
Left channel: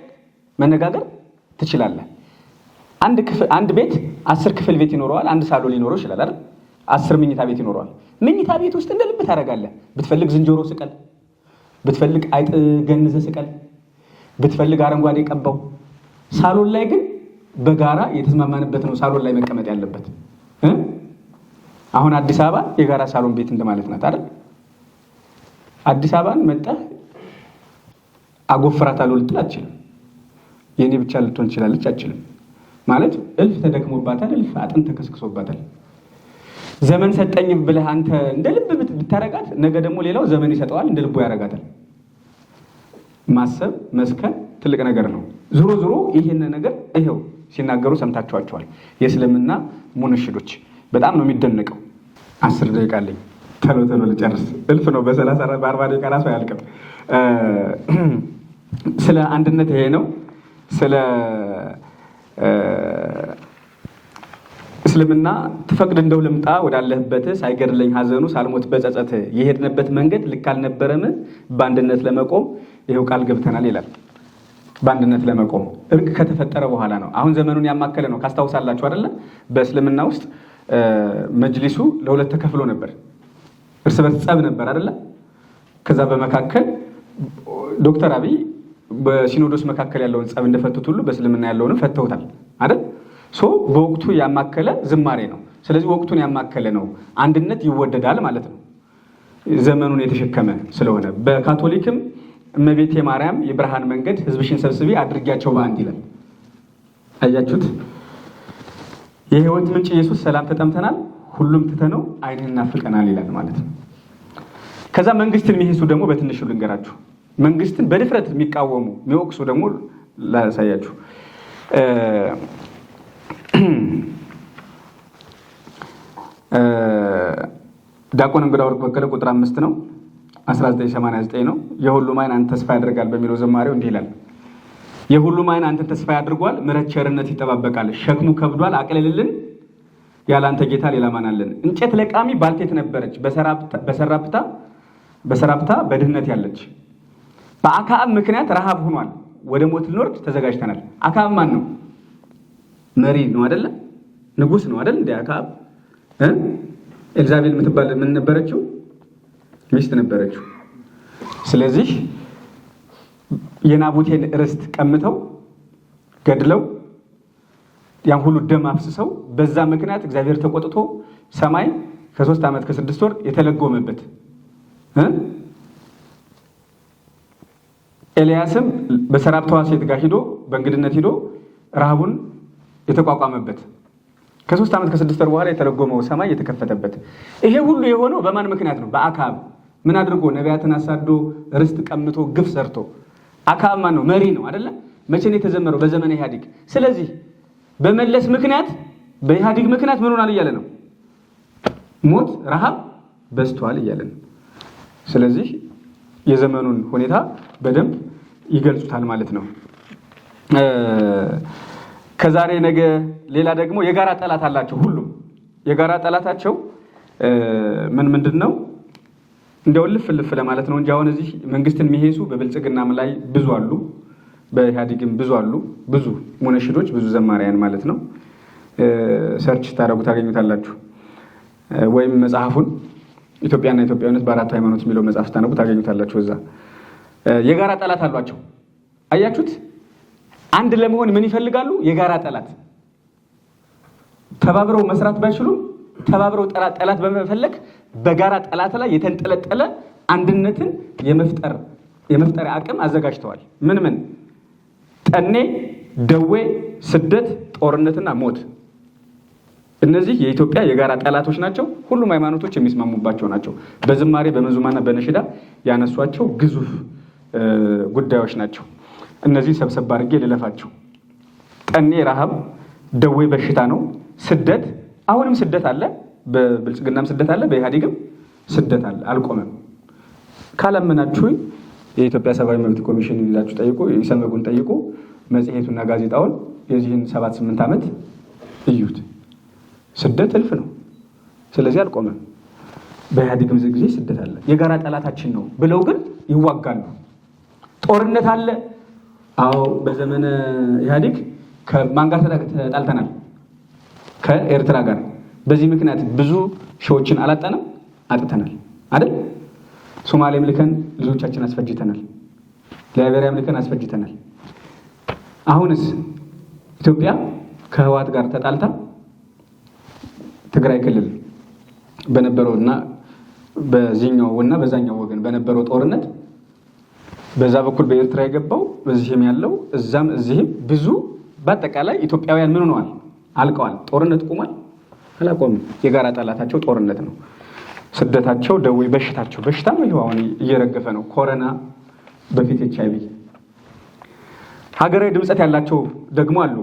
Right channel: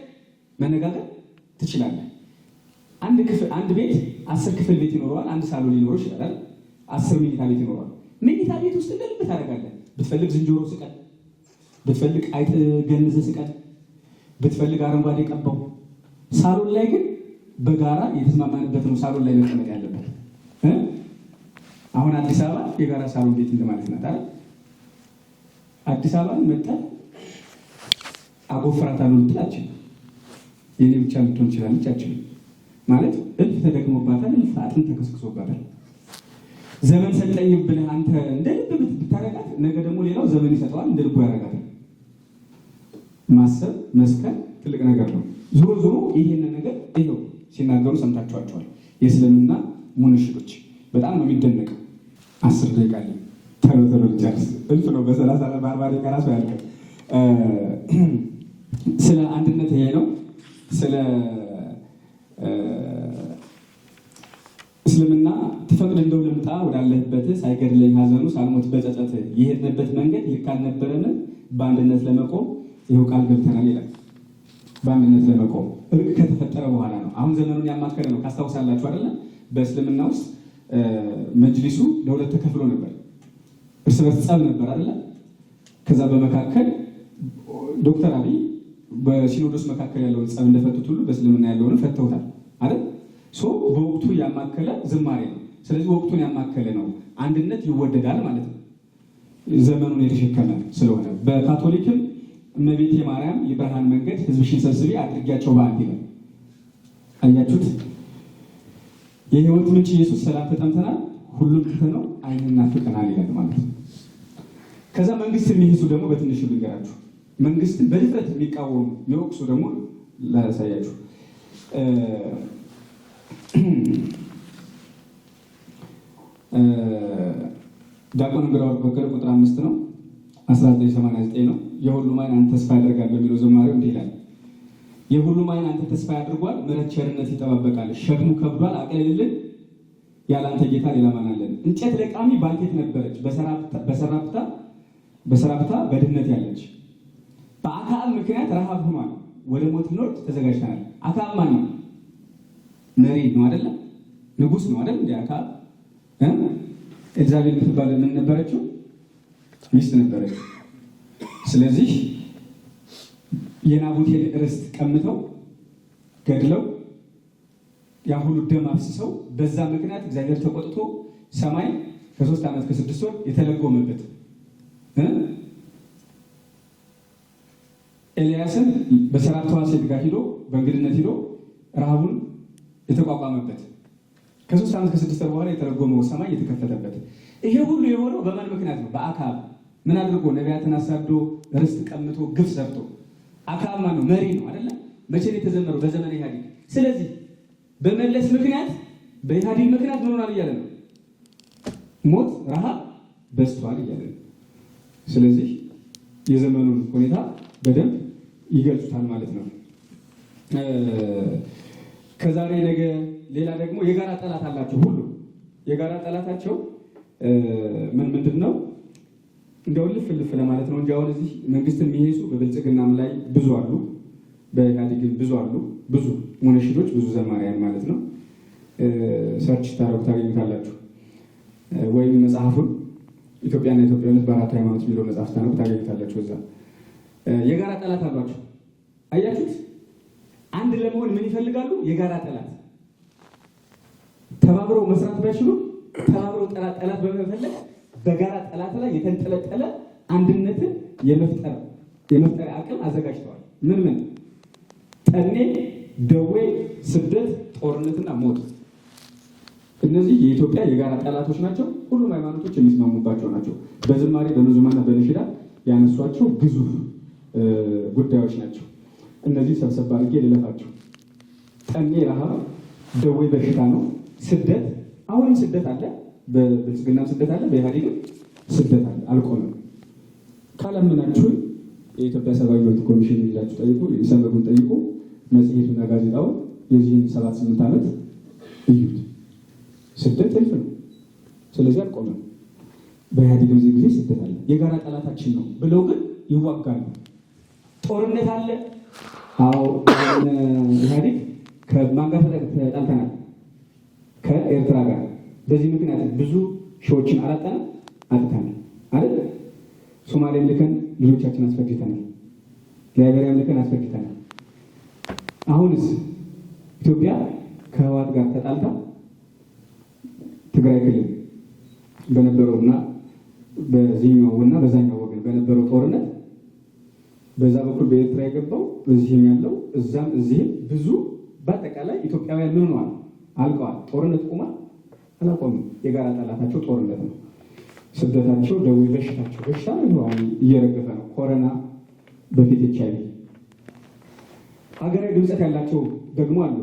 መነጋገር ትችላለህ። አንድ ቤት 10 ክፍል ቤት ይኖረዋል። አንድ ሳሎን ሊኖረው ይችላል አይደል? 10 መኝታ ቤት ይኖረዋል። መኝታ ቤት ውስጥ እንደ ልብ ታደርጋለህ። ብትፈልግ ዝንጀሮ ስቀል፣ ብትፈልግ አይጥ ገንዘ ስቀል፣ ብትፈልግ አረንጓዴ ቀባው። ሳሎን ላይ ግን በጋራ የተስማማንበት ነው ሳሎን ላይ መቀመጥ ያለበት። አሁን አዲስ አበባ የጋራ ሳሎን ቤት እንደማለት ናት አይደል? አዲስ አበባን መጣህ አጎፍራታለሁ ልትል አትችልም። የኔ ብቻ ልትሆን ትችላለች አትችልም። ማለት እልፍ ተደክሞባታል፣ እልፍ አጥንት ተከስክሶባታል። ዘመን ሰጠኝ ብለህ አንተ እንደ ልብ ብታረጋት ነገ ደግሞ ሌላው ዘመን ይሰጠዋል፣ እንደ ልቡ ያረጋታል። ማሰብ መስከን ትልቅ ነገር ነው። ዞሮ ዞሮ ይህን ነገር ይሄው ሲናገሩ ሰምታችኋቸዋል። የእስልምና ሙነሽዶች በጣም ነው የሚደነቀው። 10 ደቂቃ አለኝ፣ ቶሎ ቶሎ ልጨርስ። እልፍ ነው በ40 ደቂቃ ራሱ አያልቅም። ስለ አንድነት ይሄ ነው። ስለ እስልምና ትፈቅድ እንደው ልምጣ ወዳለህበት ሳይገድለኝ ሀዘኑ ሳልሞት በጸጸት የሄድንበት መንገድ ልክ አልነበረም። በአንድነት ለመቆም ይሄው ቃል ገብተናል ይላል። በአንድነት ለመቆም እርቅ ከተፈጠረ በኋላ ነው። አሁን ዘመኑን ያማከለ ነው። ካስታውሳላችሁ አይደለ? በእስልምና ውስጥ መጅሊሱ ለሁለት ተከፍሎ ነበር። እርስ በርስ ጸብ ነበር አይደለ? ከዛ በመካከል ዶክተር አብይ በሲኖዶስ መካከል ያለውን ጸብ እንደፈቱት ሁሉ በእስልምና ያለውንም ፈተውታል አይደል? በወቅቱ ያማከለ ዝማሬ ነው። ስለዚህ ወቅቱን ያማከለ ነው። አንድነት ይወደዳል ማለት ነው። ዘመኑን የተሸከመ ስለሆነ በካቶሊክም እመቤቴ ማርያም የብርሃን መንገድ ሕዝብሽን ሰብስቢ አድርጊያቸው በአንድ ይላል። አያችሁት? የህይወት ምንጭ ኢየሱስ ሰላም ተጠምተናል፣ ሁሉም ትተነው ዓይንህን ናፍቀናል ይላል ማለት ነው። ከዛ መንግስትን የሚሄሱ ደግሞ በትንሹ ልንገራችሁ። መንግስትን በድፍረት የሚቃወሙ የሚወቅሱ ደግሞ ላሳያችሁ። ዲያቆን እንግዳ ወርቅ በቀለ ቁጥር 5 ነው 1989 ነው። የሁሉም ዓይን አንተ ተስፋ ያደርጋል በሚለው ዘማሬው እንዲህ ይላል። የሁሉም ዓይን አንተ ተስፋ ያድርጓል፣ ምሕረት ቸርነት ይጠባበቃል። ሸክሙ ከብዷል አቅልልልን፣ ያለ አንተ ጌታ ሌላ ማን አለን? እንጨት ለቃሚ ባልቴት ነበረች፣ በሰራፕታ በድህነት ያለች። በአክዓብ ምክንያት ረሃብ ሆኗል፣ ወደ ሞት ልንወርድ ተዘጋጅተናል። አክዓብ ማን ነው? መሪ ነው አይደለ? ንጉስ ነው አይደል? እንደ አክዓብ ኤልዛቤል የምትባል ምን ነበረችው? ሚስት ነበረችው። ስለዚህ የናቡቴን ርስት ቀምተው ገድለው ያን ሁሉ ደም አፍስሰው በዛ ምክንያት እግዚአብሔር ተቆጥቶ ሰማይ ከ3 ዓመት ከ6 ወር የተለጎመበት ኤልያስም በሰራፕታዋ ሴት ጋር ሂዶ በእንግድነት ሂዶ ረሃቡን የተቋቋመበት ከ3 ዓመት ከ6 ወር በኋላ የተለጎመው ሰማይ የተከፈተበት። ይሄ ሁሉ የሆነው በማን ምክንያት ነው? በአክዓብ። ምን አድርጎ? ነቢያትን አሳዶ ርስት ቀምቶ ግፍ ሰርቶ። አክዓብ ማን ነው? መሪ ነው አይደለ? መቼ ነው የተዘመረው? በዘመነ ኢህአዴግ። ስለዚህ በመለስ ምክንያት በኢህአዴግ ምክንያት ምን ሆናል እያለ ነው? ሞት፣ ረሃብ በዝቷል እያለ ነው። ስለዚህ የዘመኑን ሁኔታ በደንብ ይገልጹታል ማለት ነው። ከዛሬ ነገ ሌላ ደግሞ የጋራ ጠላት አላቸው። ሁሉም የጋራ ጠላታቸው ምንድን ነው? እንደው ልፍ ለማለት ነው እንጂ አሁን እዚህ መንግስትን የሚሄሱ በብልጽግናም ላይ ብዙ አሉ፣ በኢህአዴግም ብዙ አሉ። ብዙ ሙነሽዶች፣ ብዙ ዘማሪያን ማለት ነው። ሰርች ታደርጉ ታገኙታላችሁ። ወይም መጽሐፉን ኢትዮጵያና ኢትዮጵያዊነት በአራቱ ሃይማኖት የሚለው መጽሐፍ ታነቡ ታገኙታላችሁ። እዛ የጋራ ጠላት አሏቸው። አያችሁት? አንድ ለመሆን ምን ይፈልጋሉ? የጋራ ጠላት። ተባብረው መስራት ባይችሉም ተባብረው ጠላት በመፈለግ በጋራ ጠላት ላይ የተንጠለጠለ አንድነትን የመፍጠር አቅም አዘጋጅተዋል። ምን ጠኔ፣ ደዌ፣ ስደት፣ ጦርነትና ሞት። እነዚህ የኢትዮጵያ የጋራ ጠላቶች ናቸው። ሁሉም ሃይማኖቶች የሚስማሙባቸው ናቸው። በዝማሬ በመዙማና በነሽዳ ያነሷቸው ግዙፍ ጉዳዮች ናቸው። እነዚህ ሰብሰብ አድርጌ ልለፋቸው። ጠኔ ረሃብ፣ ደዌ በሽታ ነው። ስደት፣ አሁንም ስደት አለ። በብልጽግናም ስደት አለ፣ በኢህአዴግም ስደት አለ፣ አልቆመም። ካላመናችሁኝ የኢትዮጵያ ሰብአዊ መብት ኮሚሽን ይዛችሁ ጠይቁ፣ ኢሰመጉን ጠይቁ፣ መጽሔቱና ጋዜጣውን የዚህን 7-8 ዓመት እዩት። ስደት እልፍ ነው። ስለዚህ አልቆመም። በኢህአዴግ ጊዜ ስደት አለ። የጋራ ጠላታችን ነው ብለው ግን ይዋጋሉ። ጦርነት አለ። አዎ፣ በዘመነ ኢህአዴግ ከማን ጋር ተጣልተናል? ከኤርትራ ጋር። በዚህ ምክንያት ብዙ ሺዎችን አላጣንም፣ አጥተናል አይደል? ሶማሌም ልከን ልጆቻችን አስፈጅተናል። ላይቤሪያም ልከን አስፈጅተናል። አሁንስ ኢትዮጵያ ከህወሓት ጋር ተጣልታ ትግራይ ክልል በነበረውና በዚህኛውና በዛኛው ወገን በነበረው ጦርነት በዛ በኩል በኤርትራ የገባው በዚህም ያለው እዛም እዚህም ብዙ በአጠቃላይ ኢትዮጵያውያን ምን ሆነዋል? አልቀዋል። ጦርነት ቆሟል? አላቆምም። የጋራ ጠላታቸው ጦርነት ነው። ስደታቸው፣ ደዌ፣ በሽታቸው በሽታም ይኸው አሁን እየረገፈ ነው። ኮሮና፣ በፊት HIV። ሀገራዊ ድምፀት ያላቸው ደግሞ አሉ።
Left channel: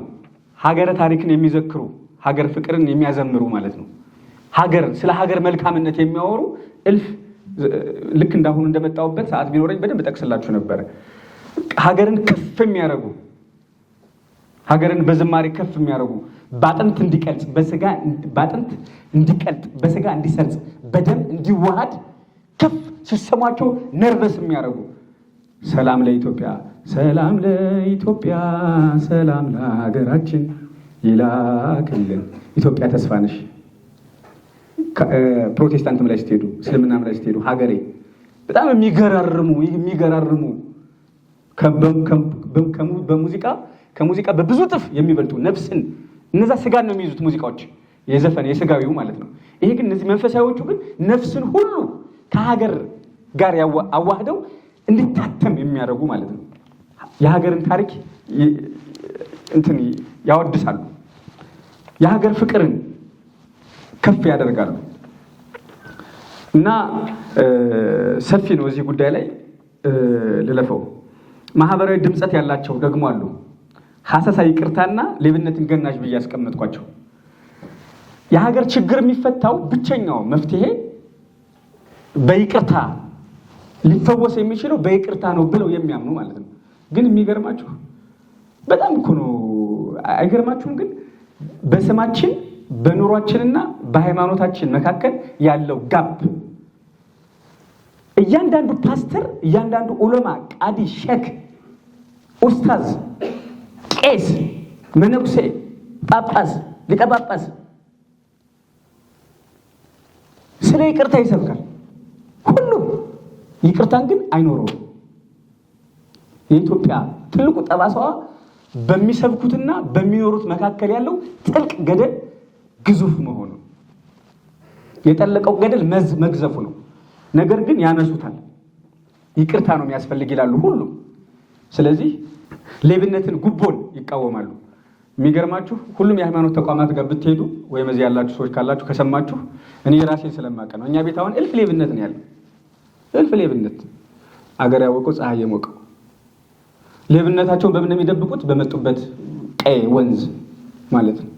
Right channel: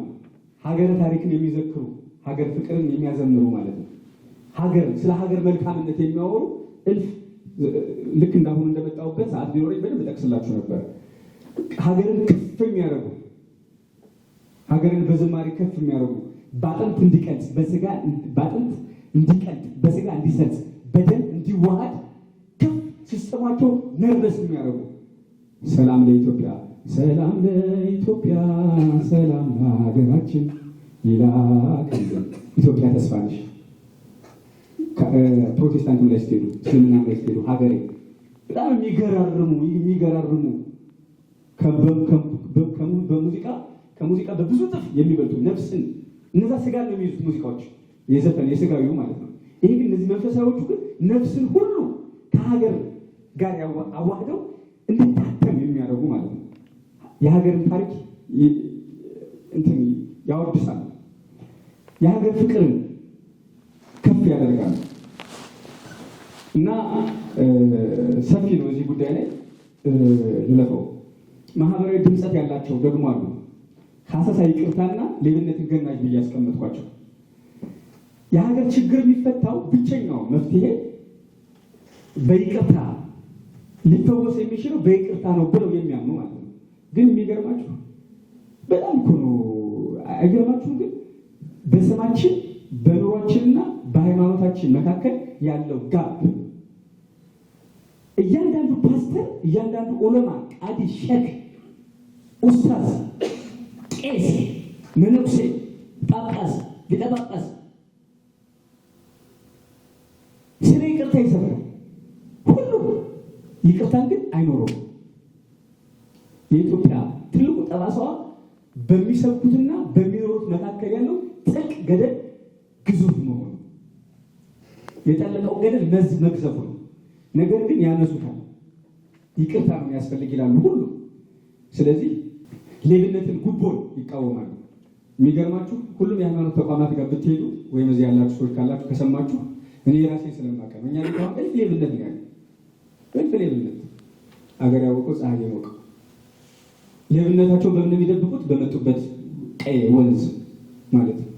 ሀገረ ታሪክን የሚዘክሩ ሀገር ፍቅርን የሚያዘምሩ ማለት ነው። ስለ ሀገር መልካምነት የሚያወሩ እልፍ ልክ እንዳሁኑ እንደመጣሁበት ሰዓት ቢኖረኝ በደንብ ጠቅስላችሁ ነበረ። ሀገርን ከፍ የሚያደርጉ ሀገርን በዝማሬ ከፍ የሚያደርጉ በአጥንት እንዲቀልጽ በአጥንት እንዲቀልጥ በስጋ እንዲሰርጽ በደም እንዲዋሃድ ከፍ ሲሰማቸው ነርቨስ የሚያደርጉ ሰላም ለኢትዮጵያ፣ ሰላም ለኢትዮጵያ፣ ሰላም ለሀገራችን ይላክልን። ኢትዮጵያ ተስፋ ነሽ። ፕሮቴስታንትም ላይ ስትሄዱ፣ እስልምናም ላይ ስትሄዱ ሀገሬ በጣም የሚገራርሙ ከሙዚቃ በብዙ ጥፍ የሚበልጡ ነፍስን እነዛ ስጋን ነው የሚይዙት ሙዚቃዎች፣ የዘፈን የስጋዊው ማለት ነው። ይሄ ግን እነዚህ መንፈሳዊዎቹ ግን ነፍስን ሁሉ ከሀገር ጋር አዋህደው እንዲታተም የሚያደርጉ ማለት ነው። የሀገርን ታሪክ እንትን ያወድሳሉ። የሀገር ፍቅርን ከፍ ያደርጋሉ። እና ሰፊ ነው እዚህ ጉዳይ ላይ ልለፈው። ማህበራዊ ድምፀት ያላቸው ደግሞ አሉ። ሀሰሳ ይቅርታና ሌብነትን ገናዥ ብዬ ያስቀመጥኳቸው። የሀገር ችግር የሚፈታው ብቸኛው መፍትሄ በይቅርታ ሊፈወስ የሚችለው በይቅርታ ነው ብለው የሚያምኑ ማለት ነው። ግን የሚገርማችሁ በጣም እኮ ነው። አይገርማችሁም? ግን በስማችን በኑሯችንና በሃይማኖታችን መካከል ያለው ጋብ እያንዳንዱ ፓስተር፣ እያንዳንዱ ዑለማ፣ ቃዲ፣ ሼክ፣ ኡስታዝ፣ ቄስ፣ መነኩሴ፣ ጳጳስ፣ ሊቀ ጳጳስ ስለ ይቅርታ ይሰብካል። ሁሉም ይቅርታን ግን አይኖረውም። የኢትዮጵያ ትልቁ ጠባሳዋ በሚሰብኩትና በሚኖሩት መካከል ያለው ጥልቅ ገደል ግዙፍ መሆኑ፣ የጠለቀው ገደል መግዘፉ ነው። ነገር ግን ያነሱታል። ይቅርታ ነው የሚያስፈልግ ይላሉ ሁሉ። ስለዚህ ሌብነትን፣ ጉቦን ይቃወማሉ። የሚገርማችሁ ሁሉም የሃይማኖት ተቋማት ጋር ብትሄዱ ወይም እዚህ ያላችሁ ሰዎች ካላችሁ ከሰማችሁ፣ እኔ ራሴን ስለማውቅ ነው። እኛ ቤት አሁን እልፍ ሌብነት ነው ያለው። እልፍ ሌብነት፣ አገር ያወቀው ፀሐይ የሞቀው። ሌብነታቸውን በምን የሚደብቁት? በመጡበት ቀይ ወንዝ ማለት ነው።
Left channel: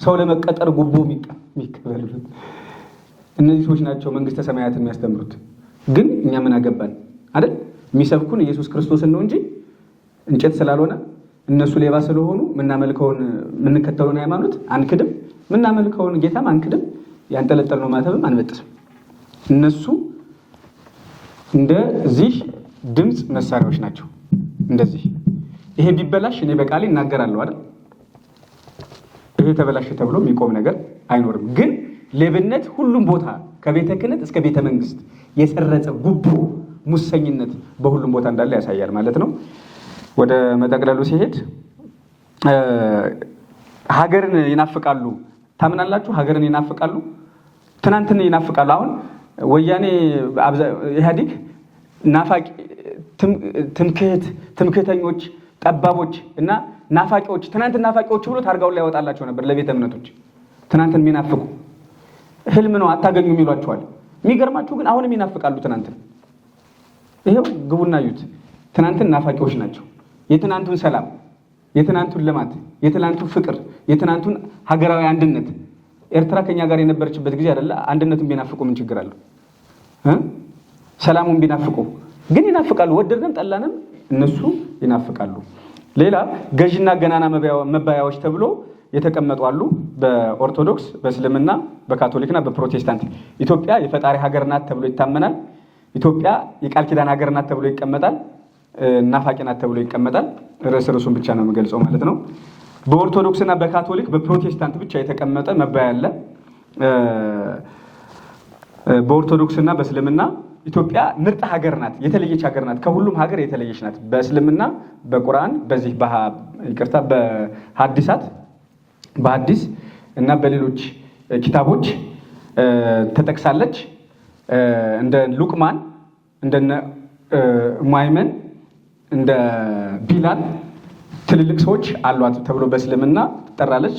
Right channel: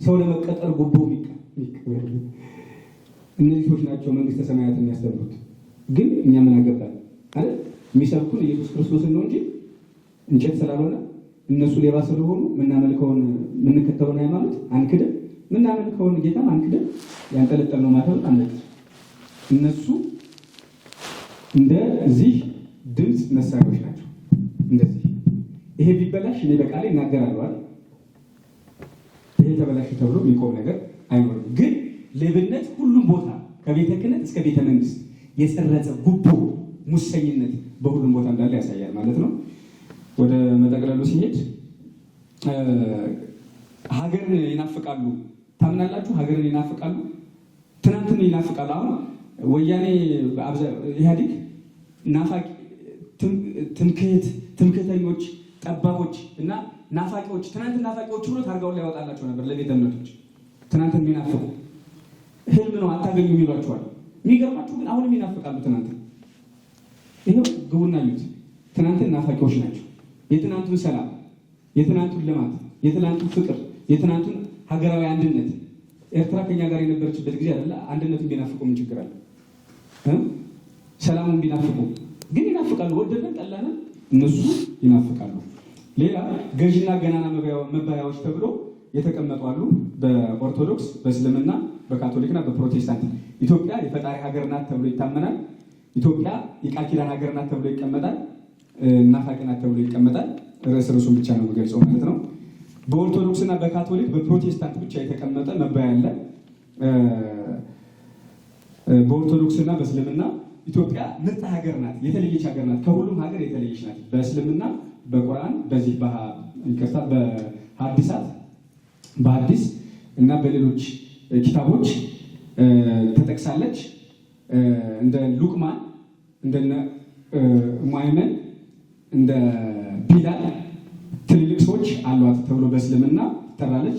ሰው ለመቀጠር ጉቦ የሚቀበሉት እነዚህ ሰዎች ናቸው መንግስተ ሰማያት የሚያስተምሩት። ግን እኛ ምን አገባን አይደል? የሚሰብኩን ኢየሱስ ክርስቶስን ነው እንጂ እንጨት ስላልሆነ እነሱ ሌባ ስለሆኑ የምንከተለውን ሃይማኖት አንክድም፣ የምናመልከውን ጌታም አንክድም፣ ያንጠለጠልነው ማተብም አንበጥስም። እነሱ እንደዚህ ድምፅ መሳሪያዎች ናቸው። እንደዚህ ይሄ ቢበላሽ እኔ በቃሌ እናገራለሁ አይደል? ይሄ ተበላሽ ተብሎ የሚቆም ነገር አይኖርም። ግን ሌብነት ሁሉም ቦታ ከቤተ ክህነት እስከ ቤተ መንግስት የሰረጸ ጉቦ፣ ሙሰኝነት በሁሉም ቦታ እንዳለ ያሳያል ማለት ነው። ወደ መጠቅለሉ ሲሄድ ሀገርን ይናፍቃሉ። ታምናላችሁ? ሀገርን ይናፍቃሉ፣ ትናንትን ይናፍቃሉ። አሁን ወያኔ ኢህአዴግ ናፋቂ፣ ትምክህተኞች፣ ጠባቦች እና ናፋቂዎች፣ ትናንት ናፋቂዎች ብሎ ታርጋውን ላይ ያወጣላቸው ነበር ለቤተ እምነቶች። ትናንትን የሚናፍቁ ህልም ነው አታገኙም ይሏቸዋል። የሚገርማችሁ ግን አሁንም ይናፍቃሉ ትናንትን። ይሄው ግቡና እዩት። ትናንትን ናፋቂዎች ናቸው። የትናንቱን ሰላም፣ የትናንቱን ልማት፣ የትናንቱን ፍቅር፣ የትናንቱን ሀገራዊ አንድነት። ኤርትራ ከኛ ጋር የነበረችበት ጊዜ አይደለ? አንድነቱን ቢናፍቁ ምን ችግር አለው? ሰላሙን ቢናፍቁ ግን ይናፍቃሉ። ወደድንም ጠላንም እነሱ ይናፍቃሉ። ሌላ ገዥና ገናና መባያዎች ተብሎ የተቀመጡ አሉ። በኦርቶዶክስ፣ በእስልምና፣ በካቶሊክና በፕሮቴስታንት ኢትዮጵያ የፈጣሪ ሀገር ናት ተብሎ ይታመናል። ኢትዮጵያ የቃል ኪዳን ሀገር ናት ተብሎ ይቀመጣል። ናፋቂ ናት ተብሎ ይቀመጣል። ርዕሱን ብቻ ነው የምገልጸው ማለት ነው። በኦርቶዶክስና በካቶሊክ በፕሮቴስታንት ብቻ የተቀመጠ መባያ አለ። በኦርቶዶክስና በእስልምና ኢትዮጵያ ምርጥ ሀገር ናት፣ የተለየች ሀገር ናት፣ ከሁሉም ሀገር የተለየች ናት። በእስልምና በቁርአን በዚህ ይቅርታ በሐዲስ እና በሌሎች ኪታቦች ተጠቅሳለች። እንደ ሉቅማን እንደነ ሙአይመን እንደ ቢላል ትልልቅ ሰዎች አሏት ተብሎ በእስልምና ትጠራለች።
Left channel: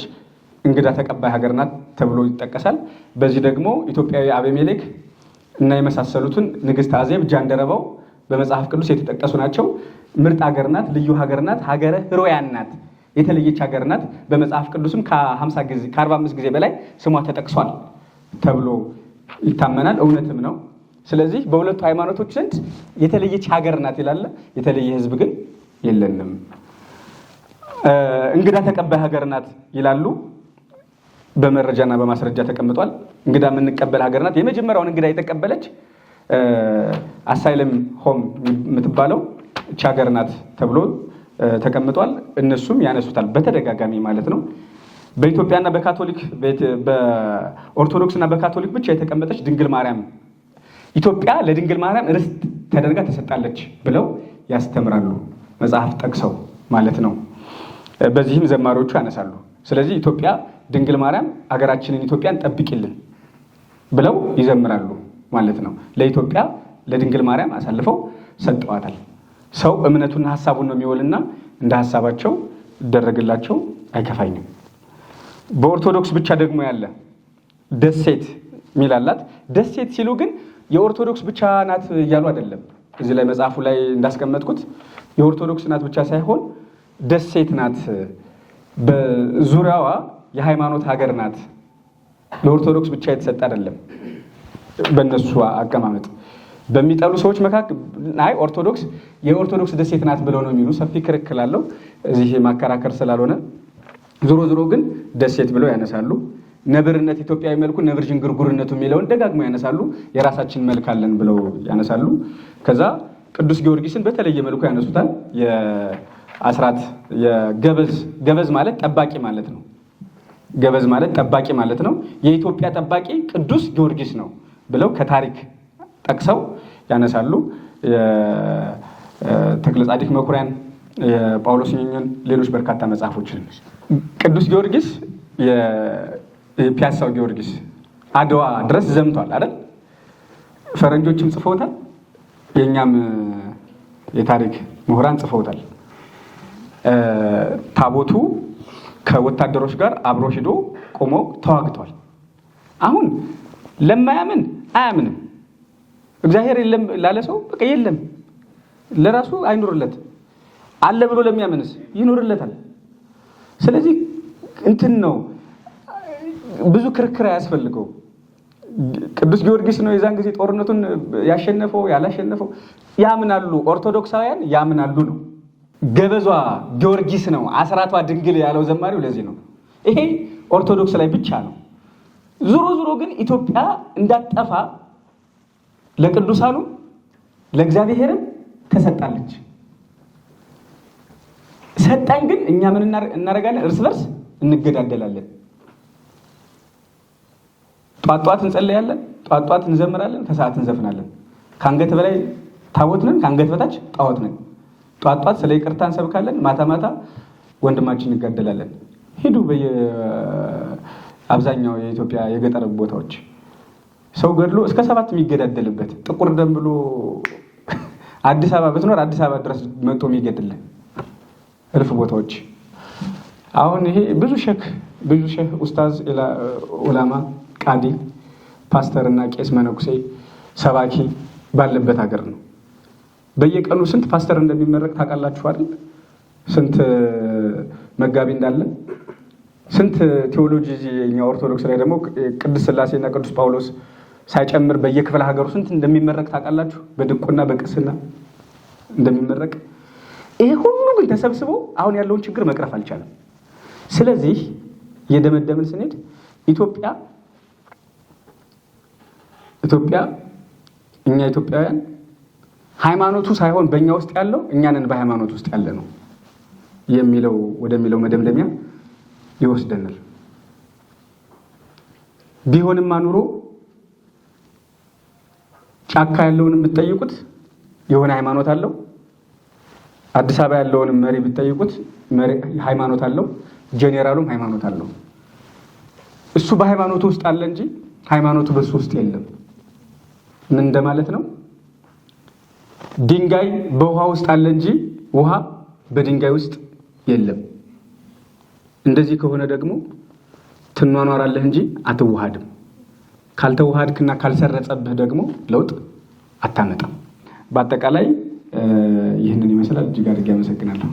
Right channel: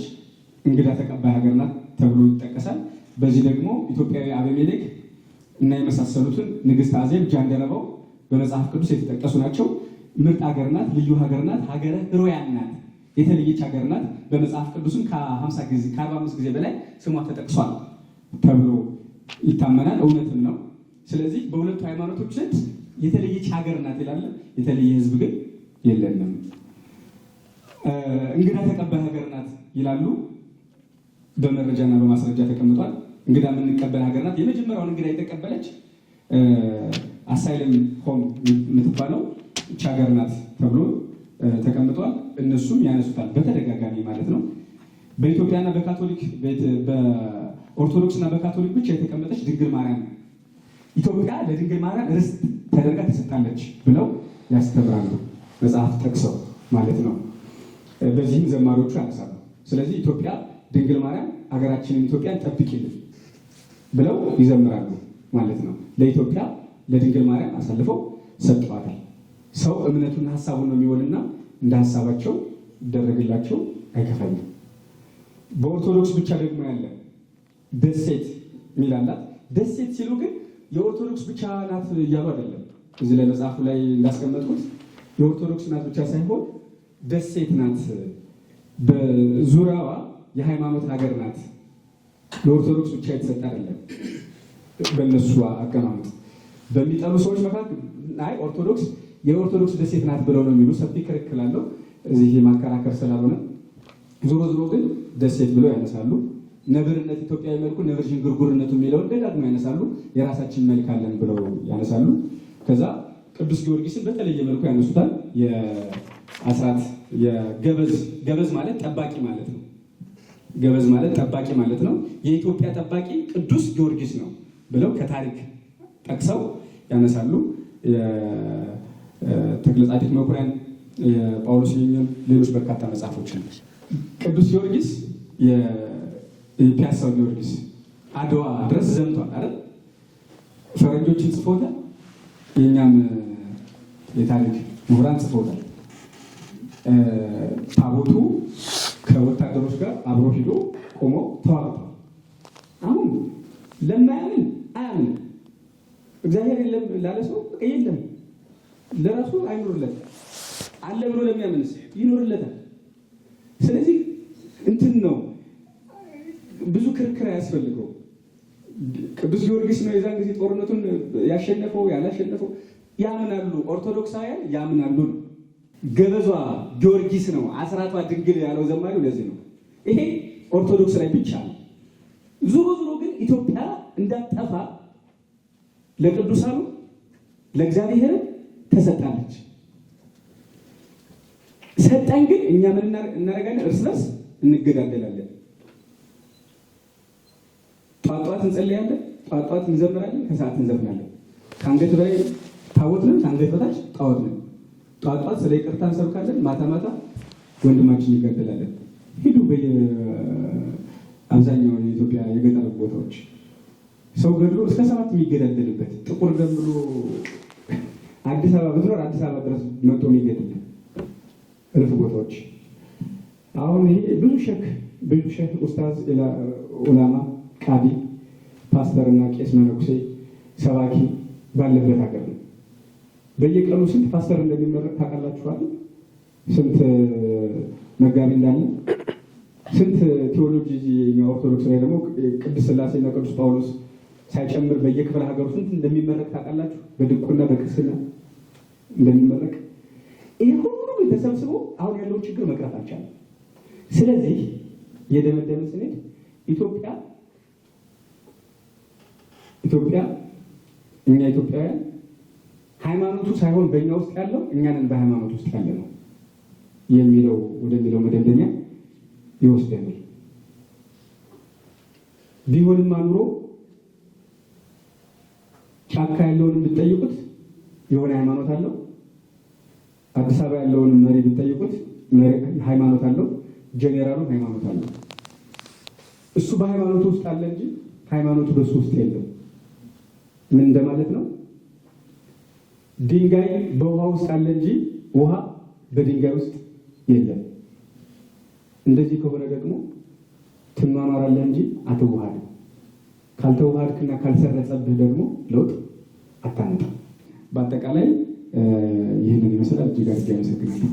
እንግዳ ተቀባይ ሀገር ናት ተብሎ ይጠቀሳል። በዚህ ደግሞ ኢትዮጵያዊ አቤሜሌክ እና የመሳሰሉትን ንግስት አዜብ፣ ጃንደረባው በመጽሐፍ ቅዱስ የተጠቀሱ ናቸው። ምርጥ ሀገር ናት፣ ልዩ ሀገር ናት፣ ሀገረ ሕሩያን ናት፣ የተለየች ሀገር ናት። በመጽሐፍ ቅዱስም ከ45 ጊዜ በላይ ስሟ ተጠቅሷል ተብሎ ይታመናል። እውነትም ነው። ስለዚህ በሁለቱ ሃይማኖቶች ዘንድ የተለየች ሀገር ናት ይላል። የተለየ ህዝብ ግን የለንም። እንግዳ ተቀባይ ሀገር ናት ይላሉ። በመረጃና በማስረጃ ተቀምጧል። እንግዳ የምንቀበል ሀገር ናት። የመጀመሪያውን እንግዳ የተቀበለች አሳይለም ሆም የምትባለው እች ሀገር ናት ተብሎ ተቀምጧል። እነሱም ያነሱታል በተደጋጋሚ ማለት ነው። በኢትዮጵያና በኦርቶዶክስና በካቶሊክ ብቻ የተቀመጠች ድንግል ማርያም ኢትዮጵያ ለድንግል ማርያም ርስት ተደርጋ ተሰጣለች ብለው ያስተምራሉ፣ መጽሐፍ ጠቅሰው ማለት ነው። በዚህም ዘማሪዎቹ ያነሳሉ። ስለዚህ ኢትዮጵያ ድንግል ማርያም አገራችንን ኢትዮጵያን ጠብቂልን ብለው ይዘምራሉ ማለት ነው። ለኢትዮጵያ ለድንግል ማርያም አሳልፈው ሰጠዋታል። ሰው እምነቱና ሀሳቡን ነው የሚወልና እንደ ሀሳባቸው ይደረግላቸው፣ አይከፋኝም። በኦርቶዶክስ ብቻ ደግሞ ያለ ደሴት ሚላላት። ደሴት ሲሉ ግን የኦርቶዶክስ ብቻ ናት እያሉ አይደለም። እዚህ ላይ መጽሐፉ ላይ እንዳስቀመጥኩት የኦርቶዶክስ ናት ብቻ ሳይሆን ደሴት ናት። በዙሪያዋ የሃይማኖት ሀገር ናት። ለኦርቶዶክስ ብቻ የተሰጠ አይደለም። በእነሱ አቀማመጥ በሚጠሉ ሰዎች መካከል ኦርቶዶክስ የኦርቶዶክስ ደሴት ናት ብለው ነው የሚሉ ሰፊ ክርክር አለው። እዚህ ማከራከር ስላልሆነ ዞሮ ግን ደሴት ብለው ያነሳሉ። ነብርነት ኢትዮጵያዊ መልኩ ነብር ዥንጉርጉርነቱ የሚለውን ደጋግሞ ያነሳሉ። የራሳችን መልክ አለን ብለው ያነሳሉ። ከዛ ቅዱስ ጊዮርጊስን በተለየ መልኩ ያነሱታል። የአስራት ገበዝ ማለት ጠባቂ ማለት ነው። ገበዝ ማለት ጠባቂ ማለት ነው። የኢትዮጵያ ጠባቂ ቅዱስ ጊዮርጊስ ነው ብለው ከታሪክ ጠቅሰው ያነሳሉ። ተክለ ጻዲቅ መኩሪያን፣ የጳውሎስ ኞኞን፣ ሌሎች በርካታ መጽሐፎችን ቅዱስ ጊዮርጊስ የፒያሳው ጊዮርጊስ አድዋ ድረስ ዘምቷል አይደል? ፈረንጆችም ጽፈውታል፣ የእኛም የታሪክ ምሁራን ጽፈውታል። ታቦቱ ከወታደሮች ጋር አብሮ ሂዶ ቆሞ ተዋግቷል። አሁን ለማያምን አያምንም። እግዚአብሔር የለም ላለ ሰው በቃ የለም፣ ለራሱ አይኖርለት። አለ ብሎ ለሚያምንስ ይኖርለታል። ስለዚህ እንትን ነው፣ ብዙ ክርክር አያስፈልገው። ቅዱስ ጊዮርጊስ ነው የዛን ጊዜ ጦርነቱን ያሸነፈው ያላሸነፈው። ያምናሉ፣ ኦርቶዶክሳውያን ያምናሉ ነው። ገበዟ ጊዮርጊስ ነው፣ አስራቷ ድንግል ያለው ዘማሪው ለዚህ ነው። ይሄ ኦርቶዶክስ ላይ ብቻ ነው። ዙሮ ግን ኢትዮጵያ እንዳጠፋ ለቅዱሳኑ ለእግዚአብሔርም ተሰጣለች። ሰጣኝ ግን እኛ ምን እናደርጋለን? እርስ በርስ እንገዳደላለን። ጧት እንጸለያለን፣ ጧት እንዘምራለን፣ ከሰዓት እንዘፍናለን። ከአንገት በላይ ታቦት ነን፣ ከአንገት በታች ጣዖት ነን። ጧት ስለ ይቅርታ እንሰብካለን፣ ማታ ወንድማችን እንጋደላለን። ሂዱ በየአብዛኛው የኢትዮጵያ የገጠር ቦታዎች ሰው ገድሎ እስከ 7 የሚገዳደልበት ጥቁር ደም ብሎ አዲስ አበባ ብትኖር አዲስ አበባ ድረስ መጥቶ የሚገድልን እልፍ ቦታዎች። አሁን ይሄ ብዙ ሼክ ኡስታዝ፣ ኡላማ፣ ቃዲ፣ ፓስተር እና ቄስ መነኩሴ ሰባኪ ባለበት ሀገር ነው። በየቀኑ ስንት ፓስተር እንደሚመረቅ ታውቃላችሁ አይደል? ስንት መጋቢ እንዳለ፣ ስንት ቴዎሎጂ የኛ ኦርቶዶክስ ላይ ደግሞ ቅዱስ ሥላሴ እና ቅዱስ ጳውሎስ ሳይጨምር በየክፍለ ሀገሩ ስንት እንደሚመረቅ ታውቃላችሁ? በድቁና በቅስና እንደሚመረቅ። ይሄ ሁሉ ግን ተሰብስቦ አሁን ያለውን ችግር መቅረፍ አልቻለም። ስለዚህ የደመደምን ስንሄድ ኢትዮጵያ እኛ ኢትዮጵያውያን ሃይማኖቱ ሳይሆን በእኛ ውስጥ ያለው እኛንን በሃይማኖት ውስጥ ያለ ነው ወደሚለው መደምደሚያ ይወስደናል። ቢሆንማ ኑሮ ጫካ ያለውንም ብትጠይቁት የሆነ ሃይማኖት አለው። አዲስ አበባ ያለውንም መሪ ብትጠይቁት ሃይማኖት አለው። ጄኔራሉም ሃይማኖት አለው። እሱ በሃይማኖቱ ውስጥ አለ እንጂ ሃይማኖቱ በሱ ውስጥ የለም። ምን እንደማለት ነው? ድንጋይ በውሃ ውስጥ አለ እንጂ ውሃ በድንጋይ ውስጥ የለም። እንደዚህ ከሆነ ደግሞ ትኗኗራለህ እንጂ አትዋሃድም። ካልተዋሃድክና ካልሰረጸብህ ደግሞ ለውጥ አታመጣም። በአጠቃላይ ይህንን ይመስላል። እጅግ አድርጌ አመሰግናለሁ።